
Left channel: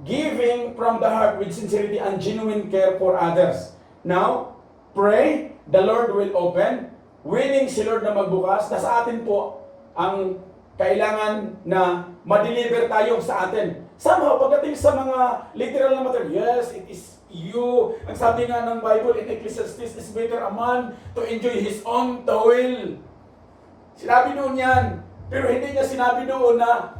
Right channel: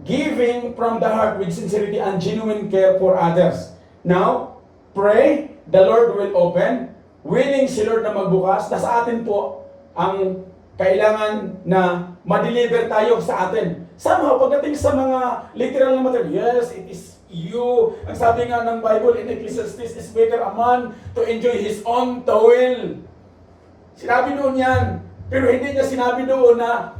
Giving from the heart with sincerity and genuine care for others. Now, pray, the Lord will open. Willing si Lord na magbukas. Nasa atin po ang kailangan na ma-deliver tayo sa atin. Somehow, pagdating sa mga literal na material, yes, it is you. Ang sabi nga ng Bible in Ecclesiastes, is better a man to enjoy his own toil. Sinabi doon yan. Pero hindi niya sinabi doon na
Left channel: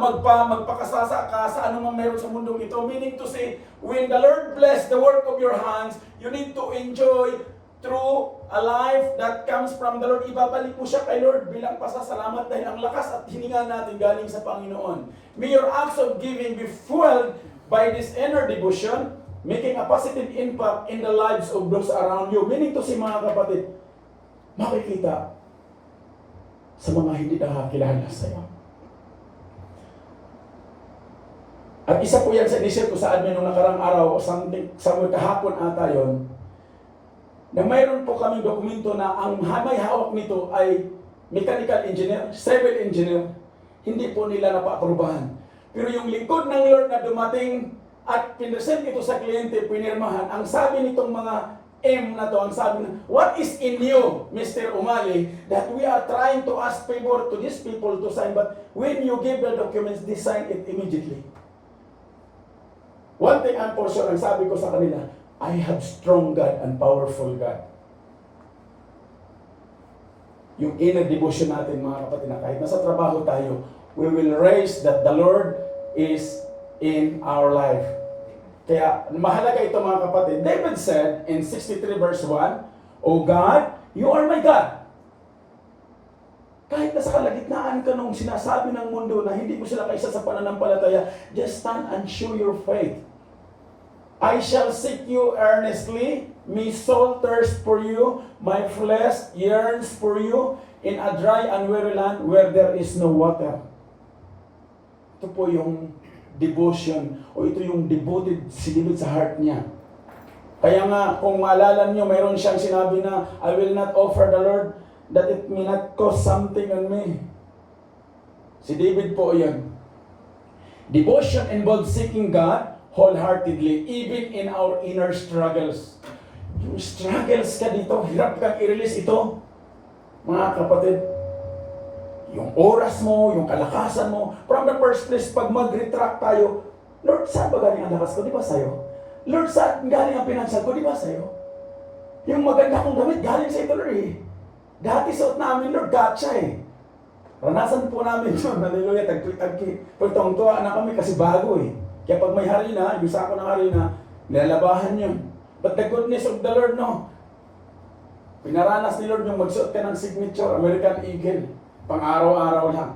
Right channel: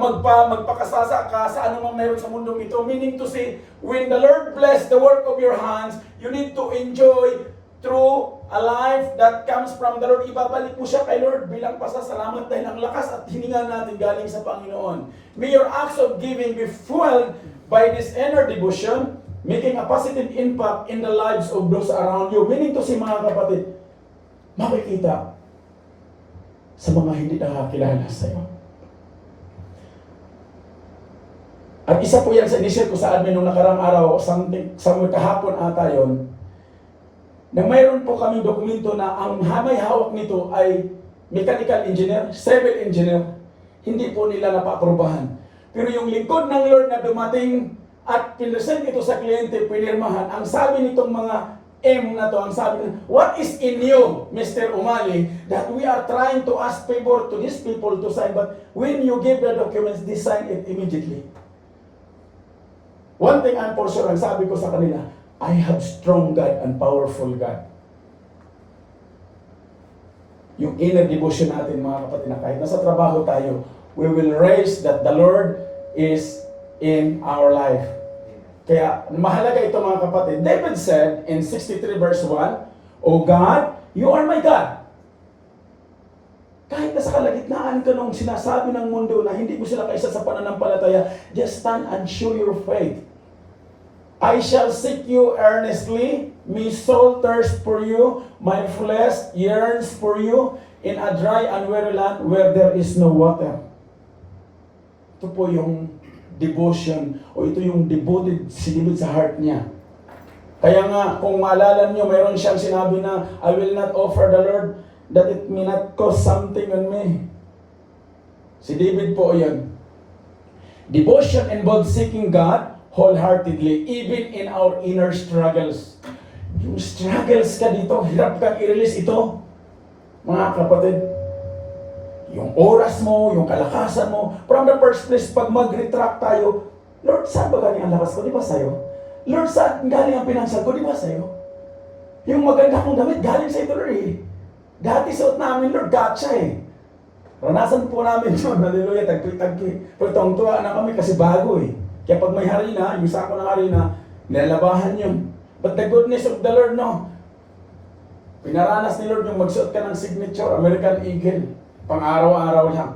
magpakasasa ka sa anumang meron sa mundong ito. Meaning to say, when the Lord bless the work of your hands, you need to enjoy through a life that comes from the Lord. Ibabalik mo siya kay Lord bilang pasasalamat dahil ang lakas at hininga natin galing sa Panginoon. May your acts of giving be fueled by this inner devotion, making a positive impact in the lives of those around you. Meaning to say, mga kapatid, makikita sa mga hindi nakakilala sa iyo. At isa po yan sa inisip ko sa admin nung nakarang araw, somewhere kahapon ata yun, na mayroon po kaming dokumento na ang may hawak nito ay mechanical engineer, civil engineer, hindi po nila napaprubahan. Pero yung lingkod ng Lord na dumating at pinresent ito sa kliyente, pinirmahan, ang sabi nitong mga M na to, ang sabi na, what is in you, Mr. Umali, that we are trying to ask favor to these people to sign, but when you give the documents, they sign it immediately. One thing I'm for sure, ang sabi ko sa kanila, I have strong God and powerful God. Yung inner devotion natin, mga kapatid, na kahit nasa trabaho tayo, we will raise that the Lord is in our life. Kaya mahalaga ito, mga kapatid. David said in 63 verse 1, O God, you are my God. Kahit nasa kalagitnaan ka nung sinasabi ng mundo na hindi mo sila kaisa sa pananampalataya, just stand and show your faith. I shall seek you earnestly, my soul thirsts for you, my flesh yearns for you, in a dry and weary land where there is no water. Ito po yung devotion, o ito yung devoted si David sa heart niya. Kaya nga, kung maalala niyo, mayroon siyang sinabi na, I will not offer the Lord that it may not cost something on me. Si David po yun. Devotion involves seeking God wholeheartedly, even in our inner struggles. Yung struggles ka dito, hirap kang i-release ito. Mga kapatid, yung oras mo, yung kalakasan mo, from the first place, pag mag-retract tayo, Lord, saan ba galing ang lakas ko? Di ba sa'yo? Lord, saan galing ang pinansal ko? Di ba sa'yo? Yung maganda kong damit, galing sa ito, Lord eh. Dati suot namin, Lord, gotcha eh. Ranasan po namin yun, hallelujah, tagpi-tagpi. Pero tuwa na kami kasi bago eh. Kaya pag may harina, yung sako ng harina, nilalabahan yun. But the goodness of the Lord, no? Pinaranas ni Lord yung magsuot ka ng signature, American Eagle. Pang araw-araw lang.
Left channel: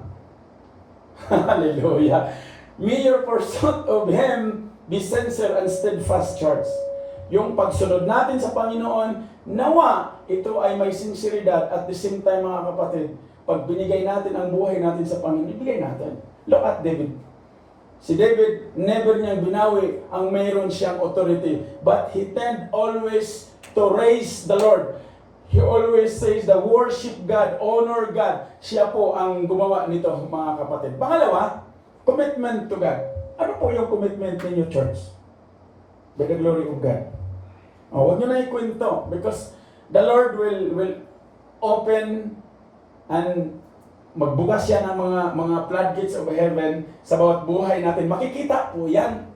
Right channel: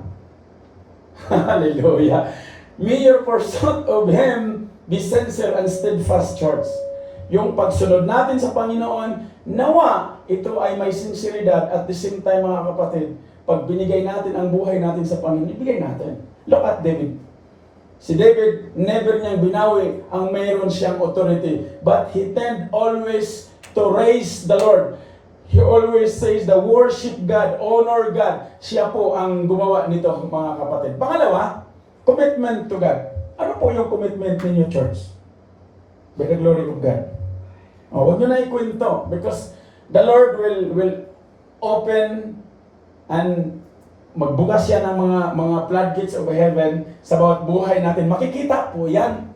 Hallelujah. May your pursuit of Him be sincere and steadfast, church. Yung pagsunod natin sa Panginoon, nawa, ito ay may sinseridad at the same time, mga kapatid, pag binigay natin ang buhay natin sa Panginoon, ibigay natin. Look at David. Si David, never niyang binawi ang mayroon siyang authority. But he tend always to raise the Lord. He always says the worship God, honor God. Siya po ang gumawa nito, mga kapatid. Pangalawa, commitment to God. Ano po yung commitment ninyo, church? By the glory of God. Huwag nyo na ikwento because the Lord will open and magbukas siya ng mga floodgates of heaven sa bawat buhay natin. Makikita po yan.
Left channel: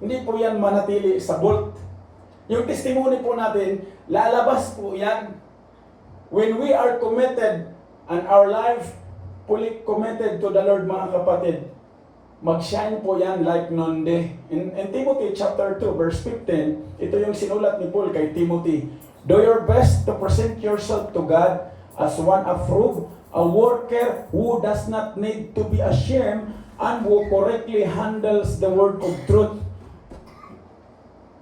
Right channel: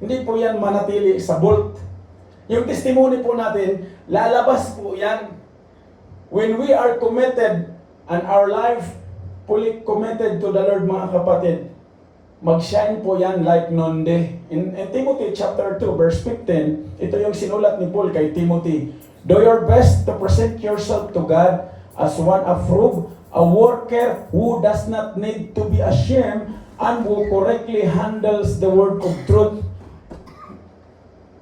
Hindi po yan manatili sa vault. Yung testimony po natin, lalabas po yan. When we are committed and our life fully committed to the Lord, mga kapatid, mag-shine po yan like noonday. In Timothy chapter 2 verse 15, ito yung sinulat ni Paul kay Timothy. Do your best to present yourself to God as one approved, a worker who does not need to be ashamed and who correctly handles the word of truth.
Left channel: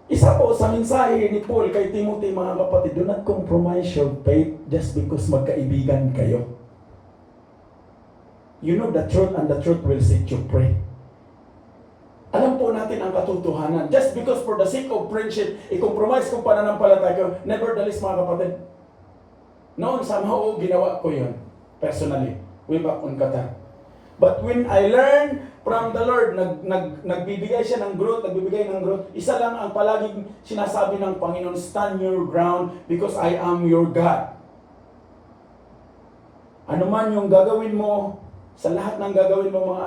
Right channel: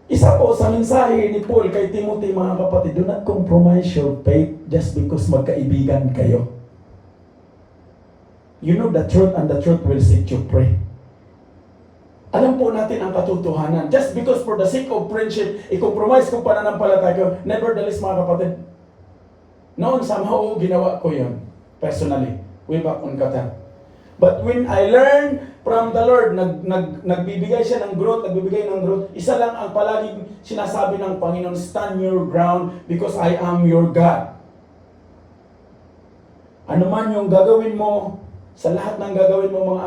Isa po sa mensahe ni Paul kay Timothy, mga kapatid, do not compromise your faith just because magkaibigan kayo. You know the truth and the truth will set you free. Alam po natin ang katotohanan. Just because for the sake of friendship, i-compromise kung pananampalataya ko, nevertheless, mga kapatid, noon somehow ginawa ko yun. Personally, way back on Qatar. But when I learn from the Lord, nagbibigay siya ng growth, isa lang ang palaging sinasabi ng Panginoon, stand your ground because I am your God. Ano man yung gagawin mo, sa lahat ng gagawin mo mga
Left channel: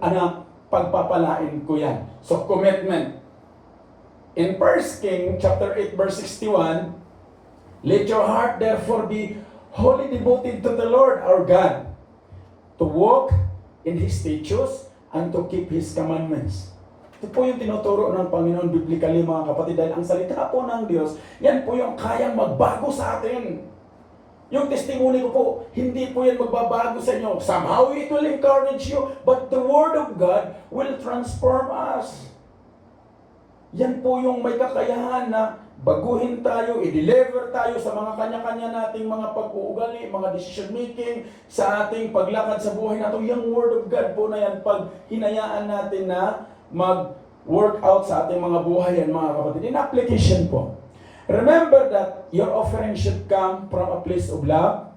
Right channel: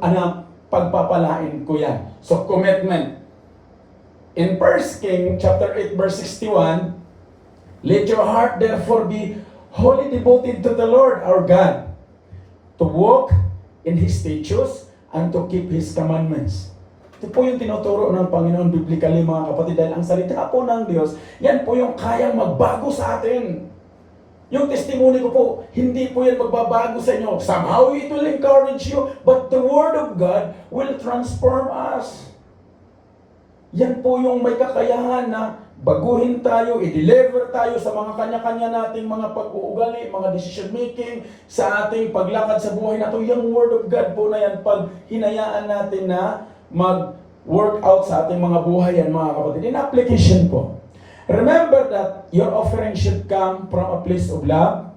anak, pagpapalain ko yan. So commitment. In 1 King chapter 8 verse 61, let your heart therefore be wholly devoted to the Lord our God, to walk in His statutes and to keep His commandments. Ito po yung tinuturo ng Panginoon biblically mga kapatid, dahil ang salita po ng Diyos, yan po yung kayang magbago sa atin. Yung testimony ko po, hindi po yan magbabago sa inyo. Somehow it will encourage you, but the Word of God will transform us. Yan po yung may kakayahan na baguhin tayo, i-deliver tayo sa mga kanya-kanya nating mga pag-uugali, mga decision making, sa ating paglakad sa buhay natin. Yung Word of God po na yan, pag hinayaan natin na mag-work out sa ating mga buhay yan mga kapatid. In application po, remember that your offering should come from a place of love,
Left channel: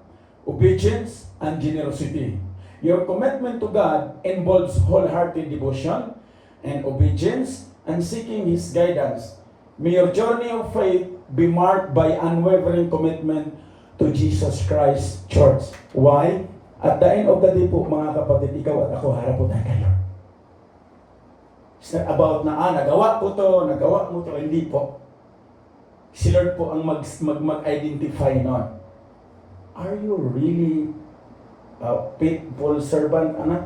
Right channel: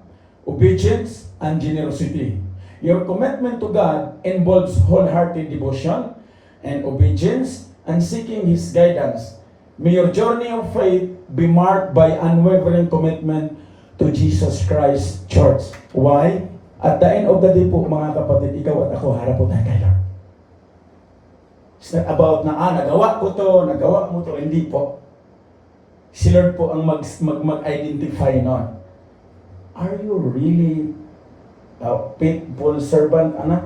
obedience, and generosity. Your commitment to God involves wholehearted devotion and obedience and seeking His guidance. May your journey of faith be marked by unwavering commitment to Jesus Christ Church. Why? At the end of the day po, mga kapatid, ikaw at ako, harap po tayo kay Lord. It's not about na, nagawa mo to, hindi po. Si Lord po ang mag-identify nun. Are you really a faithful servant, anak?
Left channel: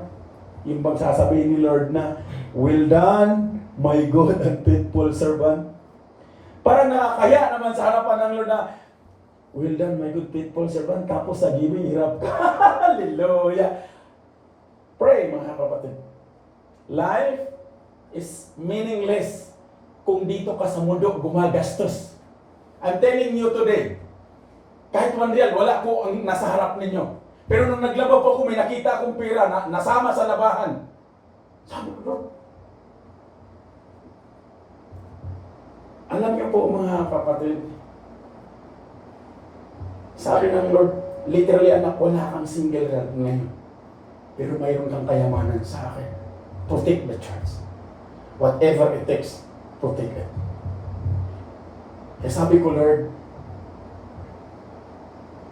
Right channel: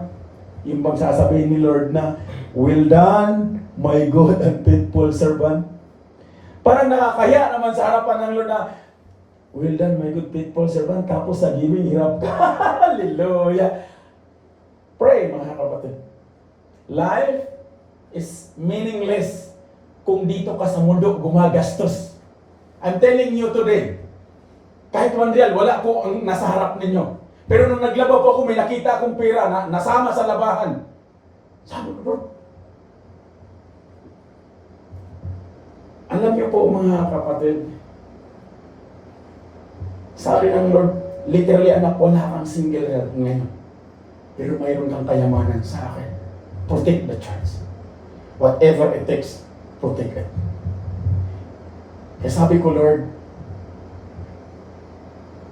Yung bang sasabihin ni Lord na, well done, my good and faithful servant. Parang nakakaya naman sa harapan ng Lord na, well done, my good faithful servant. Tapos sa giving, hirap ka. Hallelujah. Pray, mga kapatid. Life is meaningless kung dito ka sa mundo gumagastos. I'm telling you today, kahit 1 real, wala po ang nasa harap ninyo. Pero nung naglaba po ako, may nakita akong pera na nasama sa labahan. Sabi ko, Lord, alam niyo po mga kapatid, sabi ng Lord, literally anak, wala kang single real ngayon. Pero mayroon kang kayamanan sa akin. Protect the church. Whatever it takes, protect it. Kaya sabi ko, Lord,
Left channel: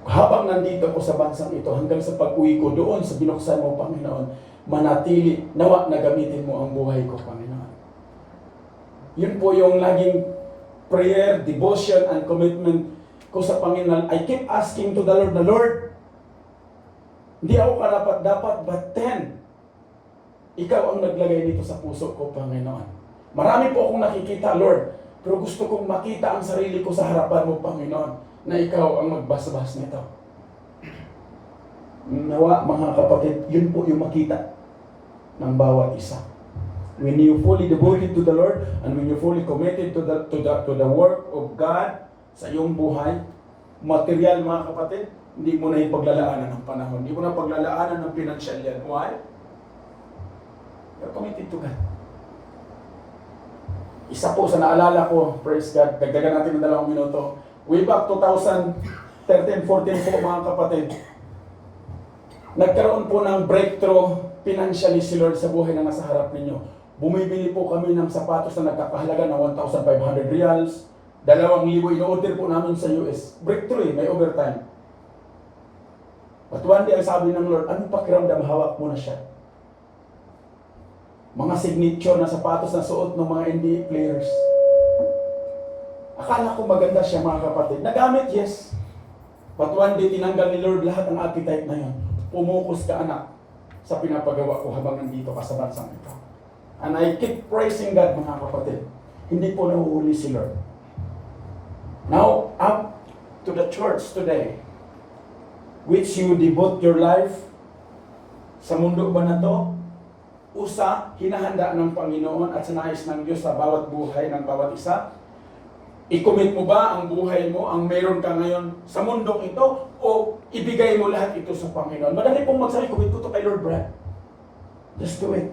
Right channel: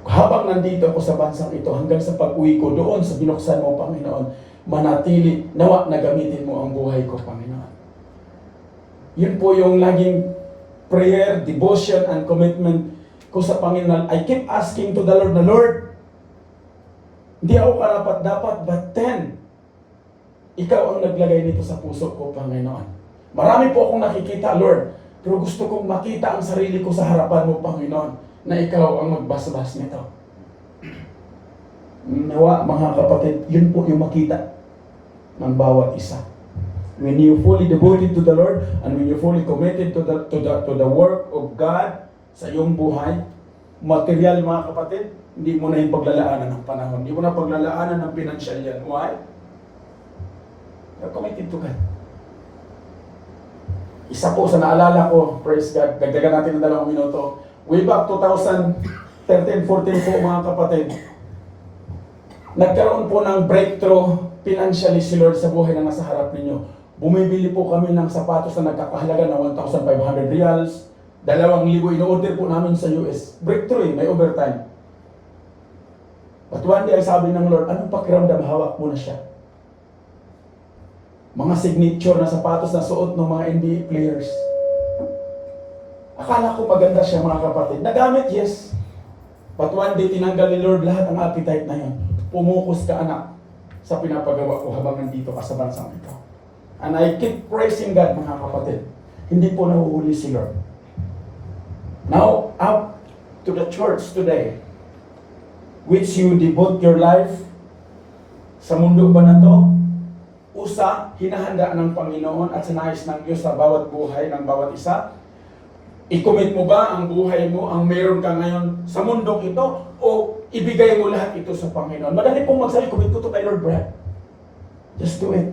habang nandito ako sa bansang ito, hanggang sa pag-uwi ko doon sa binuksan mo, Panginoon, manatili, nawa na gamitin mo ang buhay ko, Panginoon. Yun po yung laging prayer, devotion, and commitment ko sa Panginoon. I keep asking to the Lord na, Lord, hindi ako karapat-dapat, but then, ikaw ang naglagay nito sa puso ko, Panginoon. Marami po akong nakikita, Lord, pero gusto kong makita ang sarili ko sa harapan mo, Panginoon, na ikaw ang magbasbas nito. Nawa, mga kapatid, yun po yung makita ng bawat isa. When you fully devoted to the Lord and when you fully committed to the work of God sa iyong buhay, material, mga kapatid, hindi mo na yung paglalaanan ng panahon. Hindi mo na paglalaanan ng pinansyal yan. Why? You're committed to God. Isa po sa naalala ko, praise God, dagdagan natin ng 2 minuto. Way back 2013-14 po mga kapatid, nagkaroon po ng breakthrough financially si Lord sa buhay na nasa harap ninyo. Bumibili po kami ng sapatos na nagkakahalaga ng 1,500 reals, 2,000 ino-order po namin sa US. Breakthrough may overtime. But one day ay sabi ng Lord, anong pakiramdam, hawak mo na siya? Mga signature na sapatos na suot ng mga NBA players. Akala ko maganda siya mga kapatid. Nagamit, yes. But one day, tinanggal ni Lord lahat ang appetite na yun. Pumukus ka, anak, sa pinapagawa ko habang nandito ka sa bansang ito. And I keep praising God, mga kapatid. Hindi po nahuhuli si Lord. Now, up to the church today, which you devote your life sa mundo ba na to? Usa, hinahanda ng Panginoon at sinayos ng Diyos sa bawat buhay ng bawat isa. I-commit mo ba ang buhay mo, ang meron ka ngayon sa mundong ito, o ibigay mo lahat ito sa Panginoon? Madali pong magsabi, commit ko to kay Lord Brad. Just do it.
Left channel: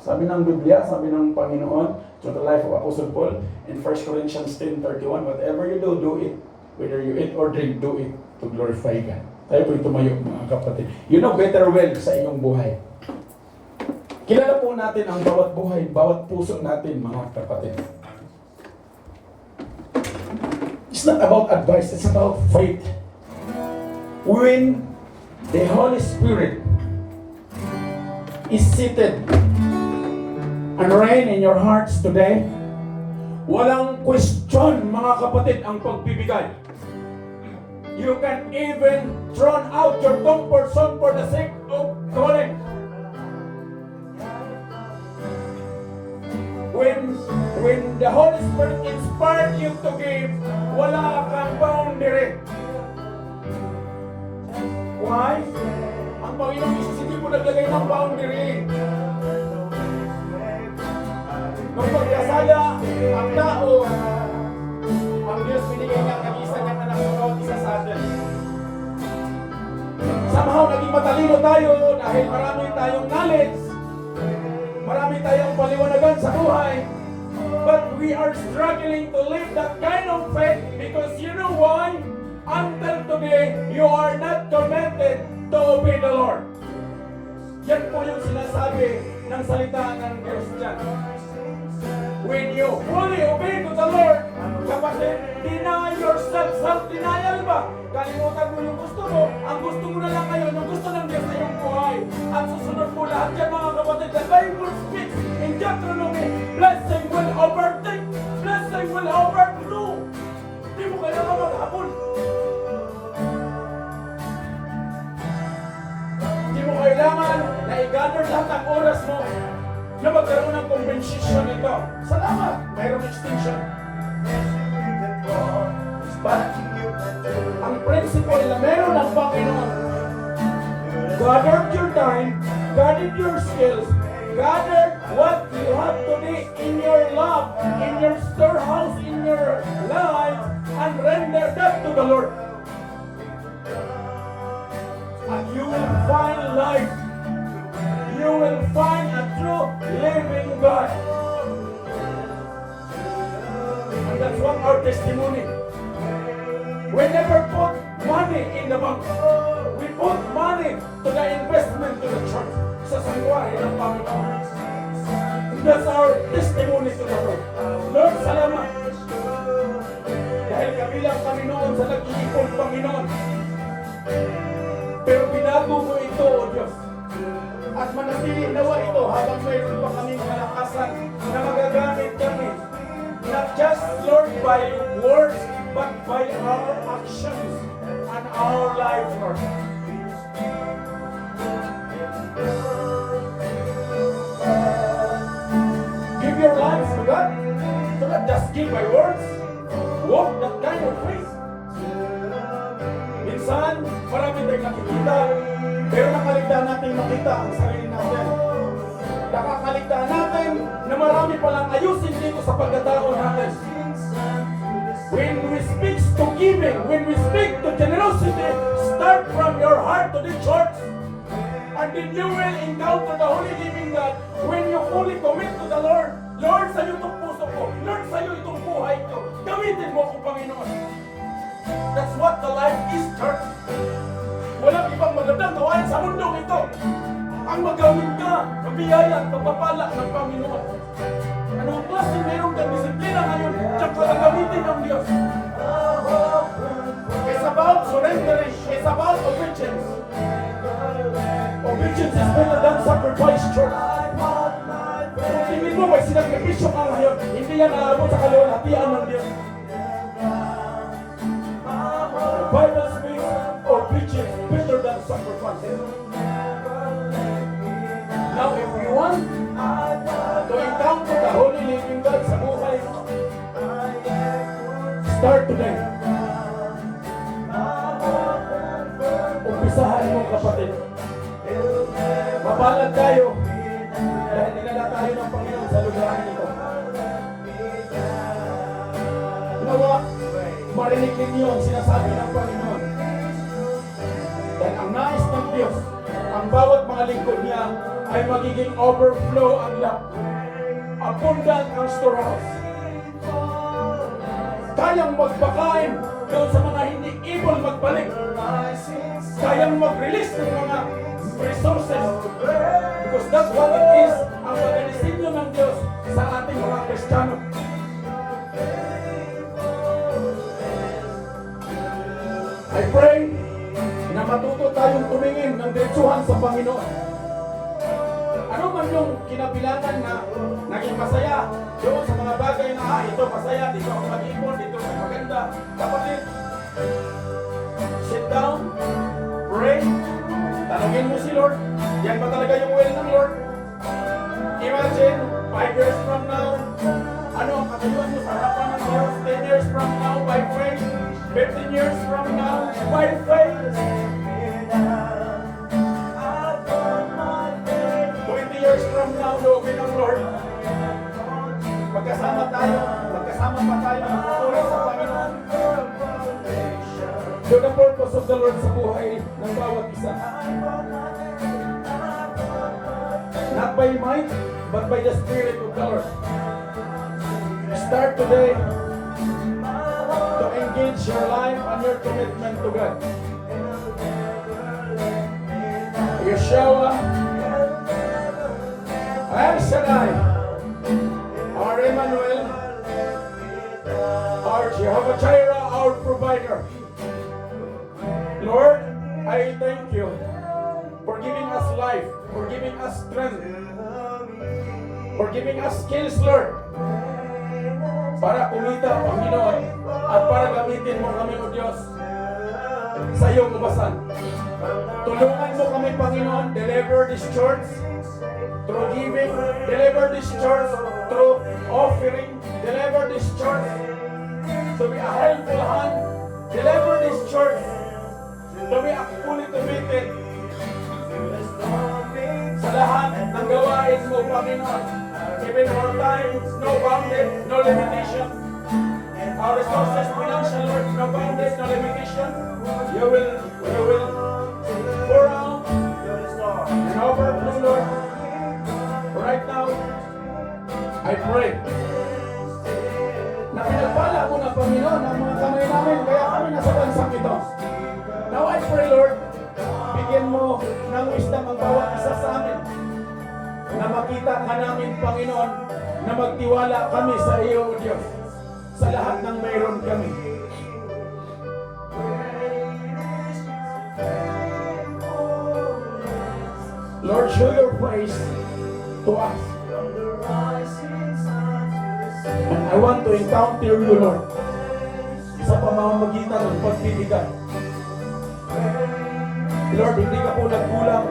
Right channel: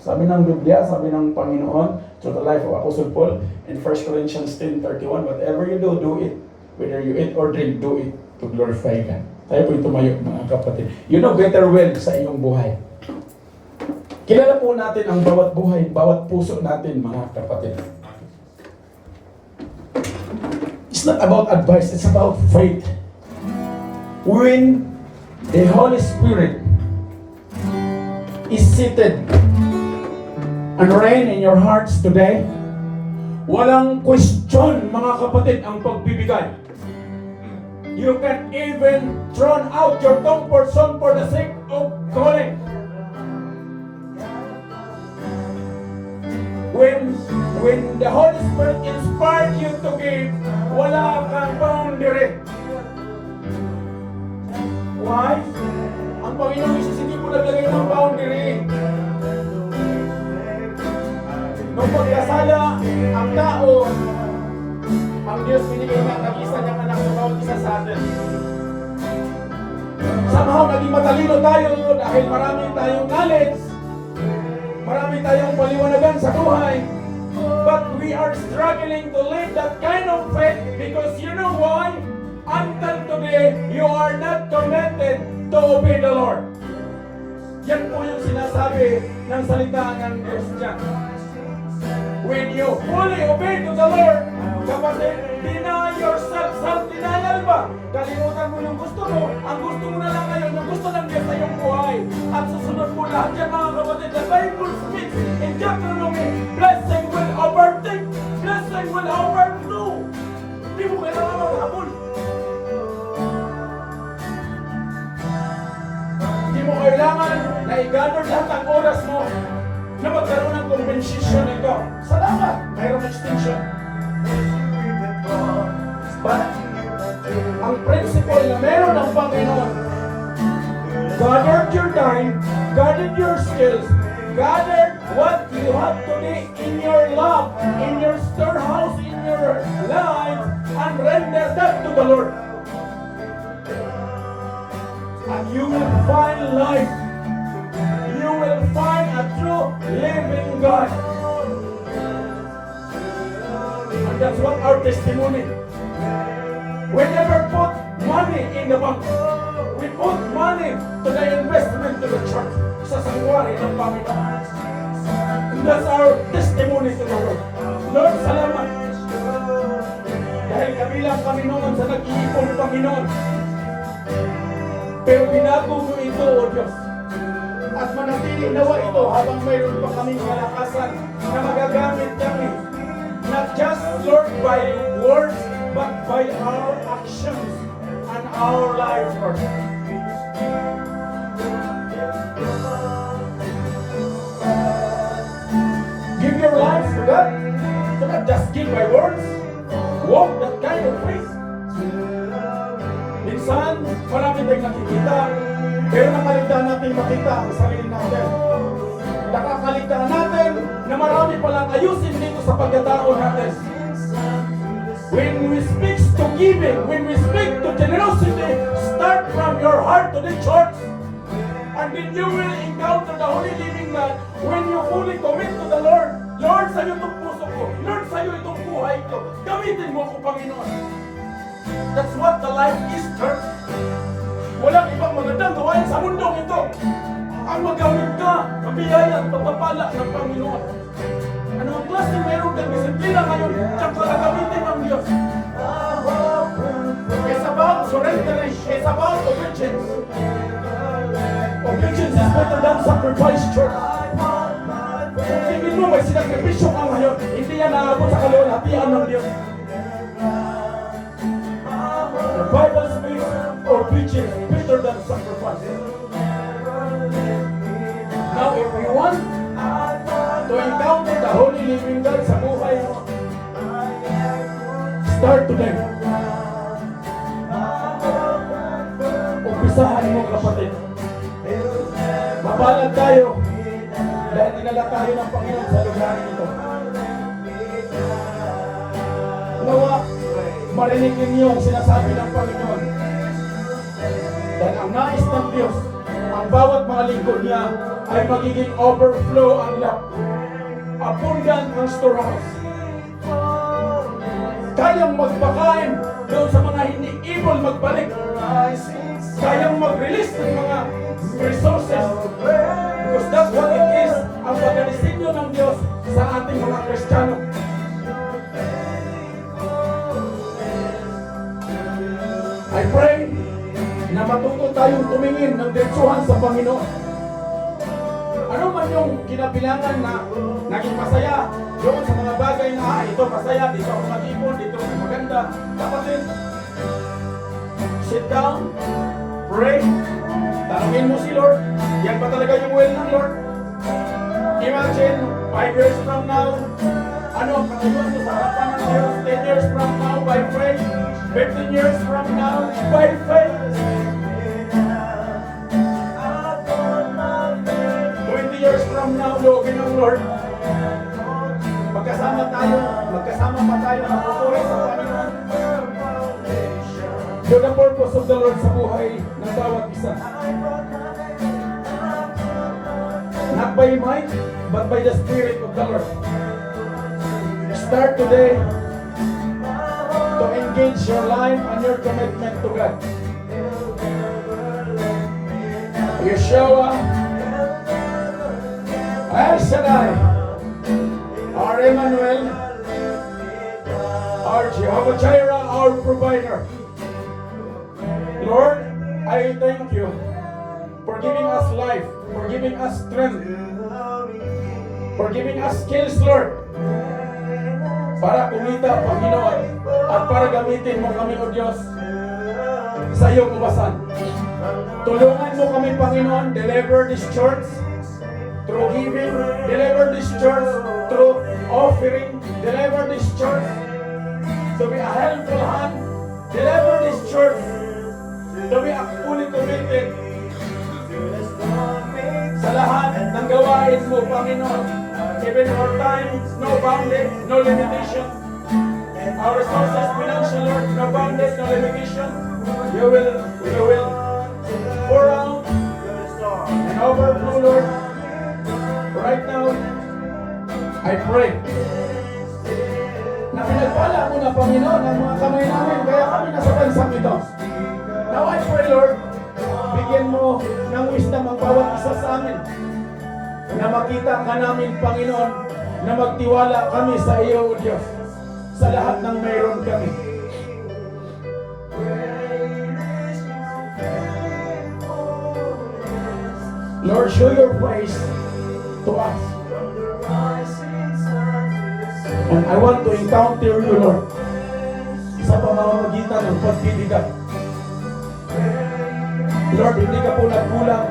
Sabi ng Biblia, sabi ng Panginoon, through the life of Apostle Paul, in 1 Corinthians 10:31, whatever you do, do it. Whether you eat or drink, do it to glorify God. Tayo po'y tumayo, mga kapatid. You know better well sa iyong buhay. Kilala po natin ang bawat buhay, bawat puso natin, mga kapatid. It's not about advice, it's about faith. When the Holy Spirit is seated and reign in your hearts today, walang question, mga kapatid, ang pagbibigay. You can even throw out your comfort zone for the sake of calling. When the Holy Spirit inspired you to give, wala kang boundary. Why? Ang Panginoong Jesus hindi po naglagay ng boundary. Nung pagkasala ang tao, ang Diyos binigay niya ang nag-isa niyang anak sa bawat isa sa atin. Somehow naging matalino tayo dahil marami tayong knowledge, marami tayong paliwanagan sa buhay, but we are struggling to live that kind of faith because you know why? Until today, you are not committed to obey the Lord. Yan po yung sinasabi ng salita ng Diyos dyan. When you fully obey to the Lord, kapatid, deny yourself, self-denial ba? Kalimutan mo yung gusto mo, ang gusto mo na lang ngayon, yung gusto ng Diyos sa iyong buhay. At susunod po lahat yan, mga kapatid. The Bible speaks in Deuteronomy, blessing will overtake, blessing will overflow. Hindi mo kailangan maghabol. Hindi mo kailangan na i-gather lahat ang oras mo na magkaroon ng compensation nito. Salamat! Mayroong extension. But, ang principle na meron ng Panginoon, gather your time, gather your skills, gather what you have today in your love, in your storehouse, in your life, and render that to the Lord. And you will find life. You will find a true living God. And that's what our testimony. We never put money in the bank. We put money to the investment to the church. Sa sanctuary ng Panginoon. And that's our testimony to the Lord. Lord, salamat. Dahil kabilang kami noon sa nag-iipon Panginoon. Pero binago mo ito, O Diyos. At manatili nawa ito habang mayroon pa kaming kalakasan na magagamit kami. Not just, Lord, by words, but by our actions and our life, Lord. Give your lives to God. Do not just give by words. Walk that kind of faith. Minsan, marami tayong nakikita, pero nakaligtaan natin makita ang sarili natin. Nakakaligtaan natin na marami palang ayusin dito sa pagkatao natin. When we speak to giving, when we speak to generosity, start from your heart to the church. And then you will encounter the Holy Living God when you fully commit to the Lord. Lord, sa'yo itong puso ko. Lord, sa'yo itong buhay ko. Gamitin mo ako, Panginoon. That's what the life is, church. Walang ibang magandang gawain sa mundong ito. Ang magamit ka, ang biyaya at pagpapala ng Panginoon. Ano ang klase mayroon kang disiplina ngayon, tsaka gagamitin ng Diyos. It's about surrendering. It's about obedience. Obedience is better than sacrifice, church. Kung tingin mo may sinagripisyo ka ngayon, hindi yan naabot sa kalulatian ng Diyos. The Bible speaks obedience better than sacrifice. Now, if you want to encounter the Holy Living God sa buhay mo, start today. Umpisahan mo, kapatid. Mapalad tayo dahil dinala tayo ng Panginoon sa lugar nito. Nawa, marinig ninyo ang sinasabi ng Panginoon. Dahil ang nais ng Diyos, ang bawat mga lingkod niya ay magiging overflow ang lap. Abundant ang storehouse. Kayang magpakain doon sa mga hindi able magbalik. kayang mag-release ng mga resources. Because that's what it is, ang pagdisignyo ng Diyos sa ating mga Kristiyano. I pray na matuto tayong tumingin ng diretsuhan sa Panginoon. Ano man yung kinabilangan na naging masaya doon sa mga bagay na ito masaya, dito ako mag-ipon, dito ako maganda. Kapatid, sit down, pray, tanungin mo si Lord, yan ba talaga yung will ng Lord? Imagine, 5 years from now, ano ang katutuan mo sa harapan ng Diyos? 10 years from now, by faith. 15 years from now, by faith. 20 years from now, loobin ng Lord. Magkasama pa tayo magpupuri sa Panginoon. Do the purpose of the Lord sa buhay ng bawat isa. Not by might, but by the Spirit of the Lord. Start today to engage your life and your commitment to God. Yeshua, El Shaddai, our Emmanuel, our Jehovah Jireh, our provider. Lord, I thank you for giving us life, for giving us strength, for giving us skills, Lord, para kumita, Panginoon, at para gamitin mo kami, O Diyos, sa iyong ubasan. Tulungan mo kami, Panginoon, deliver this church through giving, deliver this church through offering, deliver this church to be a helpful hand, deliver this church to be a fully committed sa lahat ng gawain mo, Panginoon. Even our time, no bounded, no limitation. Our resources, financial, Lord, no bounded, no limitation. You will pour out and overflow, Lord. Right now, I pray na pinagpala mo na, Panginoon, ang mga kamay namin, kaya kami nasa bansang ito. Now I pray, Lord, bigyan mo ng wisdom ang bawat isa sa amin, na makita ka namin, Panginoon, na magtiwala kami sa iyo, O Diyos, sa lahat ng mayroon kami. Lord, show your face to us. And I want to encounter you, Lord, sa pamamagitan ng pagtitigan. Lord, hindi ka po nagkulang.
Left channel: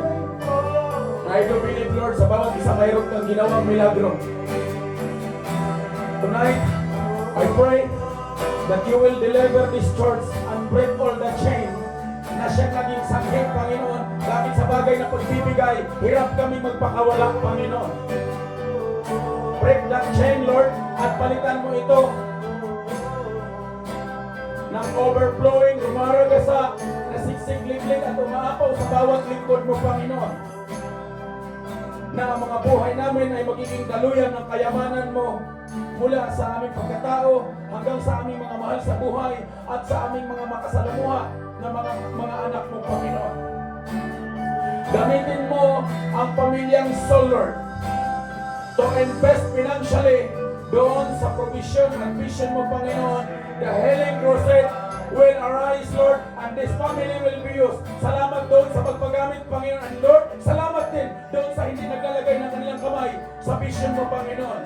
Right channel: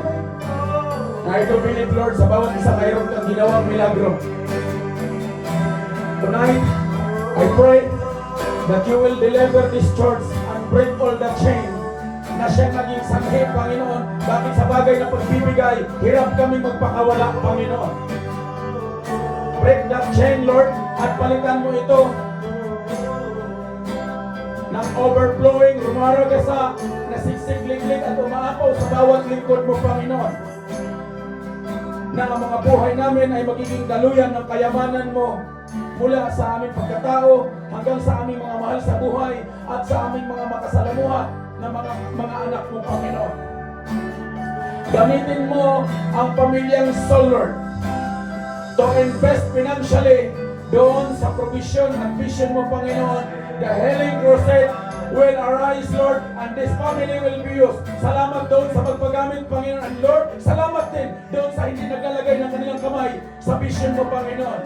I do believe, Lord, sa bawat isa mayroon kang ginawang milagro. Tonight, I pray that you will deliver this church and break all the chain na siya naging sanghi, Panginoon. Bakit sa bagay na pagbibigay, hirap kaming magpakawala, Panginoon. Break that chain, Lord, at palitan mo ito ng overflowing, rumaragasa, nasiksik-liklik at umaapaw sa bawat lingkod mo, Panginoon. Na ang mga buhay namin ay magiging daluyan ng kayamanan mo mula sa aming pagkatao hanggang sa aming mga mahal sa buhay at sa aming mga makasalamuha na mga anak mo, Panginoon. Gamitin mo ang pamilyang Soul, Lord, to invest financially doon sa provision at vision mo, Panginoon. The healing crusade will arise, Lord, and this family will be used. Salamat doon sa pagpagamit, Panginoon. And Lord, salamat din doon sa hindi naglalagay ng kanilang kamay sa vision mo, Panginoon.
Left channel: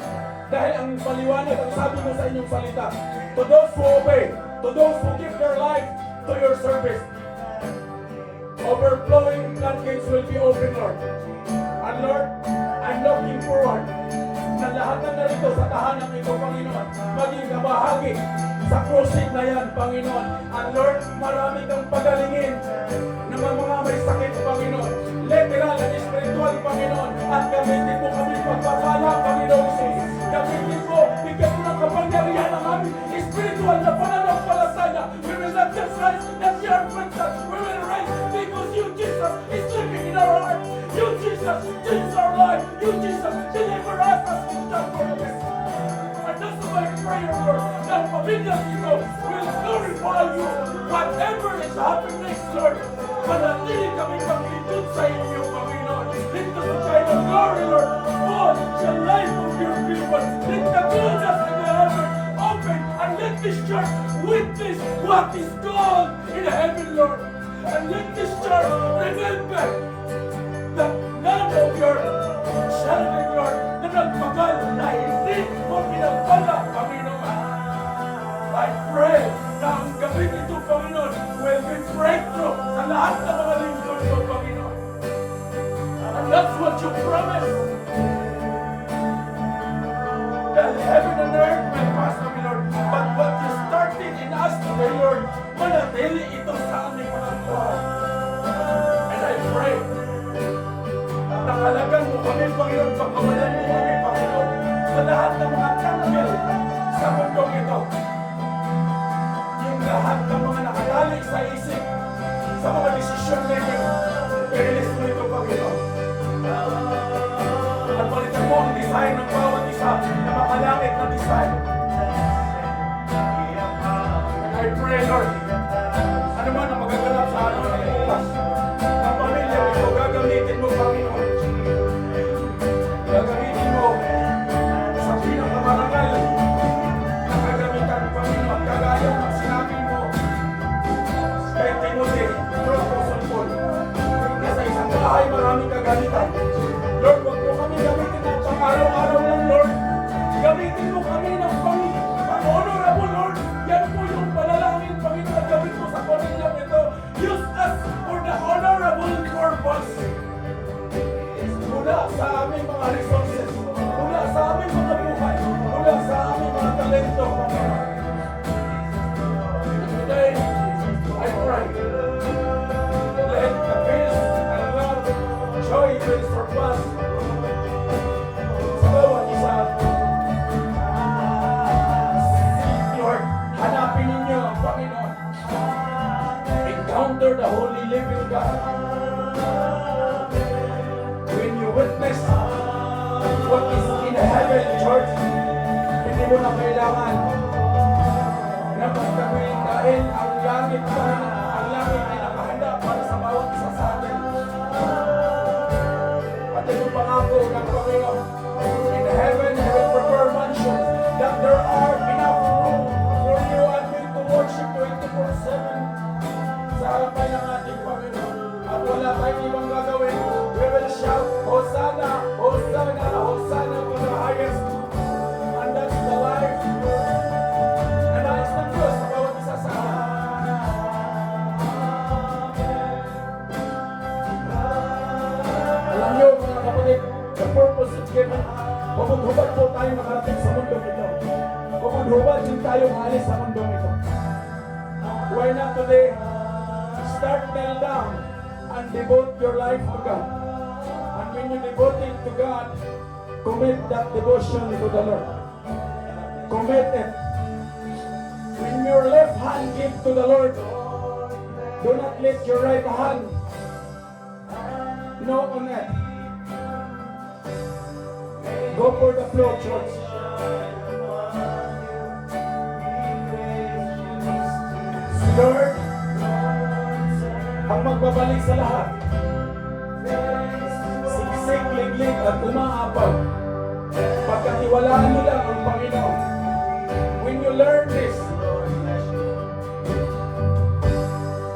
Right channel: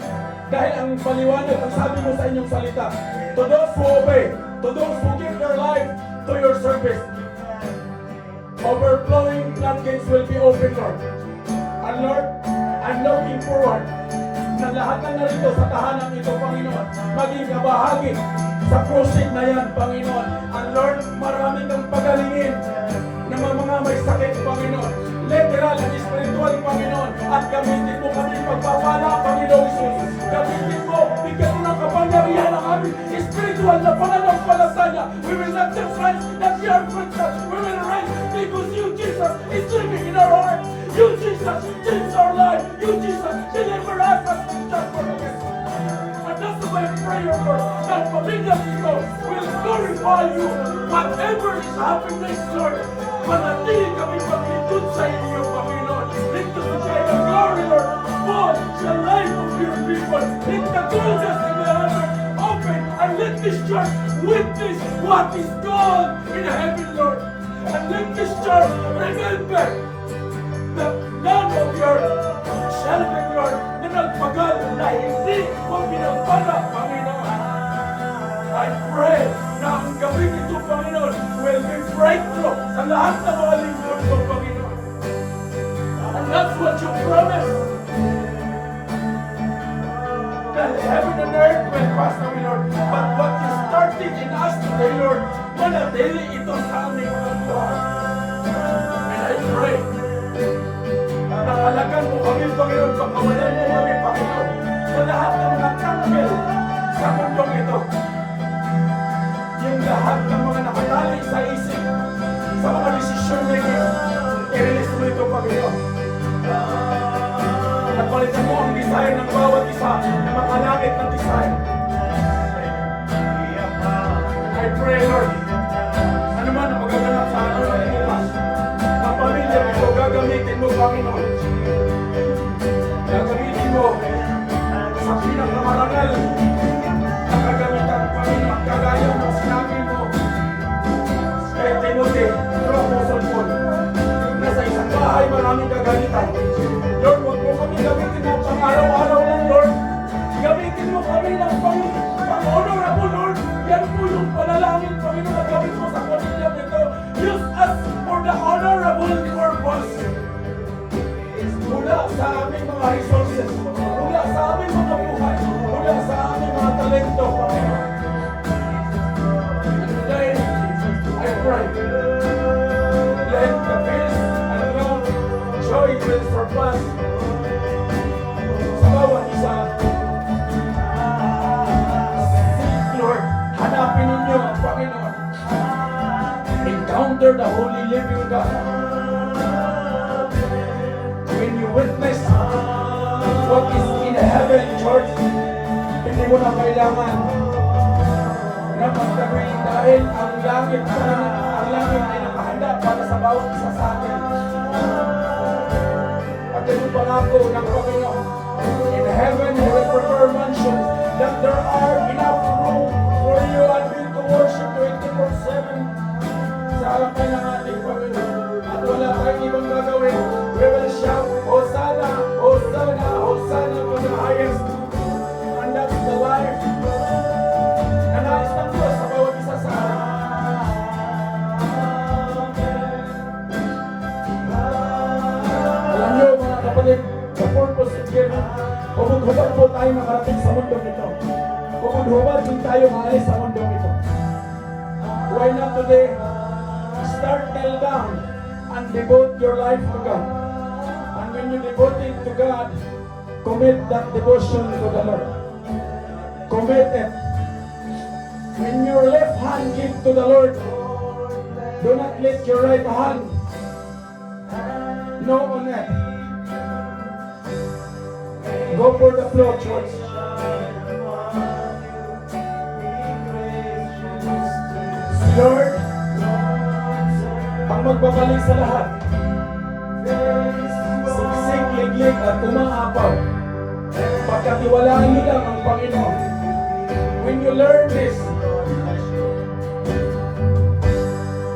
Dahil ang paliwanag, ang sabi mo sa inyong salita, to those who obey, to those who give their life to your service, overflowing floodgates will be open, Lord. And Lord, I'm looking forward na lahat ng narito sa tahanan ito, Panginoon, maging kabahagi sa crusade na yan, Panginoon. And Lord, marami kang pagalingin ng mga may sakit, Panginoon. Literal at spiritual, Panginoon. At gamitin mo kami pagpapala, Panginoon Jesus. Gamitin mo, bigyan mo ng kapangyarihan ang aming spiritual na pananampalataya. We will not just rise that we are Christians. We will rise because you, Jesus, is living in our heart. You, Jesus, change our life. You, Jesus, deliver us as we stand for the best. And that's my prayer, Lord. Now, pamilya dito will glorify you. Whatever is happening next, Lord, Manatili kami paglingkod sa inyo, Panginoon. Let the shine of glory, Lord, fall sa life of your people. Let the doors of the heaven open and let this church witness what is God in heaven, Lord. And let this church remember that none of your children, Lord, na nagpagal na hindi mo pinagpanak, Panginoon. I pray na ang gabing ito, Panginoon, will be breakthrough sa lahat ng mga lingkod ko, Panginoon. And that's what you promised. That heaven and earth will pass away, Lord. But what you started in us today, Lord, manatili ito sa aming mga buhay. And I pray na halagan mo kami, Panginoon, pakawalan mo kami, Panginoon, sa lahat ng mga tanggal sa mundong ito. Yung lahat ng mga nakatali sa isip, sa mga desisyon making, i-release mo ito, Panginoon. At palitan mo ang desire ng bawat isa na makalangit ng desire. And I pray, Lord, ano man ang magaganap sa ano na ilupas, ang pamilya ito, gagamitin mo, Panginoon. Gagamitin mo sa pinakamarangal na kagamitan, Panginoon, kagaya ng sinabi mo kay Timothy, through Apostle Paul, na sa isang bahay maraming kagalitan. Lord, huwag mo kami gamitin na pang-araw-araw lang, Lord. Gamitin mo kami ng pang-honorable, Lord. Yan po yung panalangin, Panginoon, na gawin mo sa pamilyang ito. Use us for the honorable purpose. Mula sa aming mga resources, mula sa aming mga buhay, mula sa aming mga talento, Panginoon. And today, I pray, let the peace and love, joy will surpass sa bawat isa. Seek, Lord, hanapin ninyo ang Panginoon. Encounter the holy living God. When you witness what is in heaven, church, hindi mo na kailangan na magtabi dahil ang langit, Panginoon, ang langit ay nakahanda para sa bawat isa sa atin. At ito pangako ng Panginoon, in heaven you will prepare mansions that there are enough room for you and me to worship 24/7 sa harapan ng ating Panginoon. At wala tayong ibang gagawin. We will shout, Hosanna, Hosanna, Hosanna to the highest. And that's the life na nais ng Diyos sa bawat isa sa atin. Alam niyo, mga kapatid, the purpose is given. Hubad-hubad po tayo nakarating sa mundong ito. Hubad-hubad din tayo maalis sa mundong ito. Why not today? Start kneel down and devote your life to God. And when you devote it to God, commit that devotion to the Lord. Commit it. When your left hand give to the Lord, do not let your right hand know on it. Go for the flow, church. Lord, ang magbabalik sa lahat. Siksik, liglig at umaapaw. Pagkatiwalaan niyo lang ang Panginoon. When you learn this,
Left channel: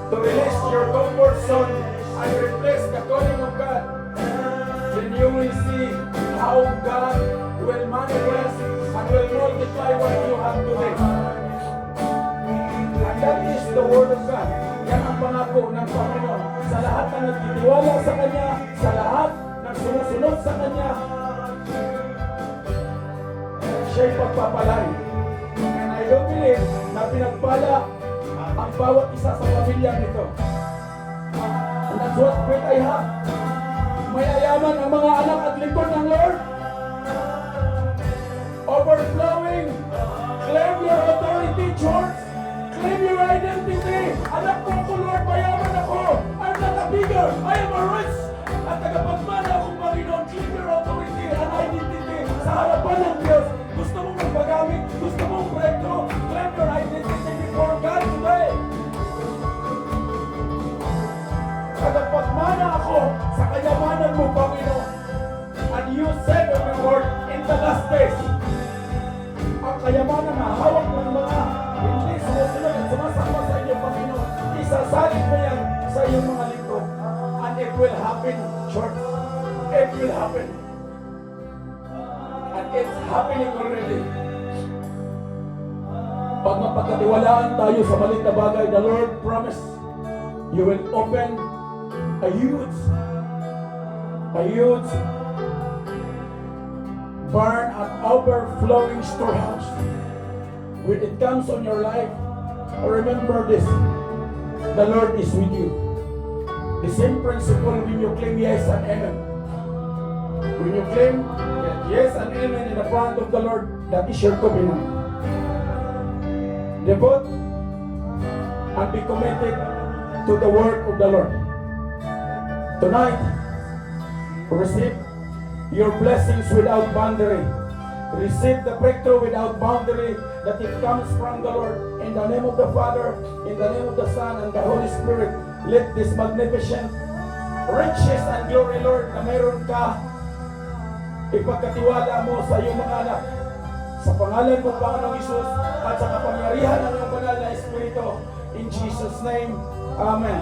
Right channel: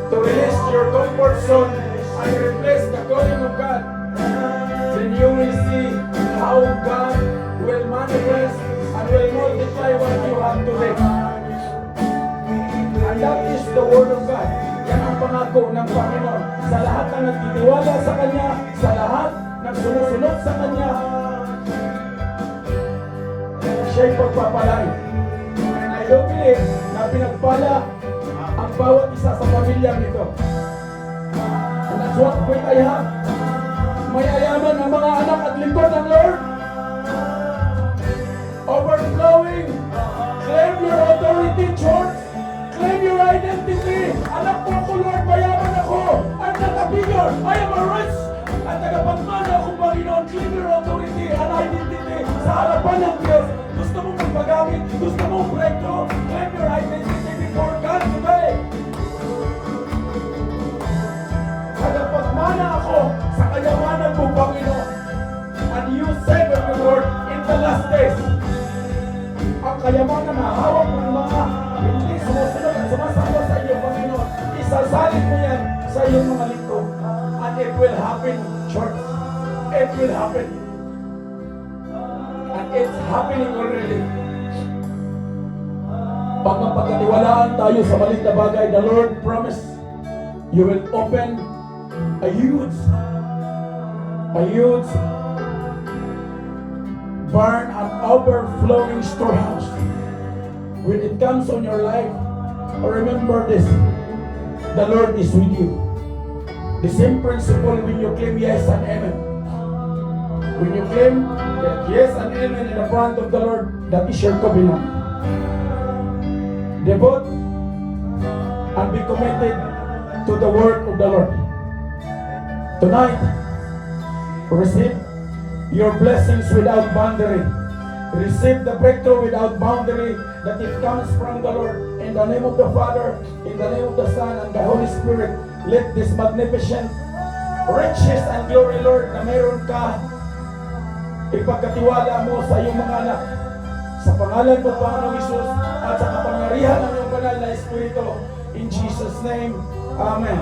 to release your comfort zone and replace the calling of God, then you will see how God will manifest and will multiply what you have today. And that is the Word of God. Yan ang pangako ng Panginoon. Sa lahat ng nagtitiwala sa Kanya, sa lahat ng sumusunod sa Kanya, siya'y pagpapalay. And I do believe na pinagpala ang bawat isa sa pamilyang ito. And that's what faith I have. May ayaman ang mga anak at lingkod ng Lord. Overflowing. Claim your authority, church. Claim your identity. Anak po ako, Lord, mayaman ako. I'm not a beggar. I am a rich. At tagapagmana ako, Panginoon. Claim your authority and identity sa harapan ng Diyos. Gusto mong magpagamit? Gusto mong breakthrough? Claim your identity before God today. mga nahawak ng mga hindi sumusunod at sumasamba sa inyo, Panginoon, isasalin mo yan sa iyong mga lingkod. And it will happen, church. It will happen. And it's happening already. Pag mapagkatiwalaan tayo sa maliit na bagay, the Lord promised, you will open a huge barn and overflowing storehouse. When it comes on your life, remember this, the Lord is with you. The same principle when you claim yes and amen. When you claim that yes and amen in the front of the Lord, that is your covenant. Devote and be committed to the word of the Lord. Tonight, receive your blessings without boundary. Receive the breakthrough without boundary that it comes from the Lord. In the name of the Father, in the name of the Son, and the Holy Spirit, let this magnificent riches and glory, Lord, na meron ka, ipagkatiwala mo sa iyong mga anak. Sa pangalan mo, Panginoong Hesus, at sa kapangyarihan ng iyong banal na Espiritu. In Jesus' name, Amen.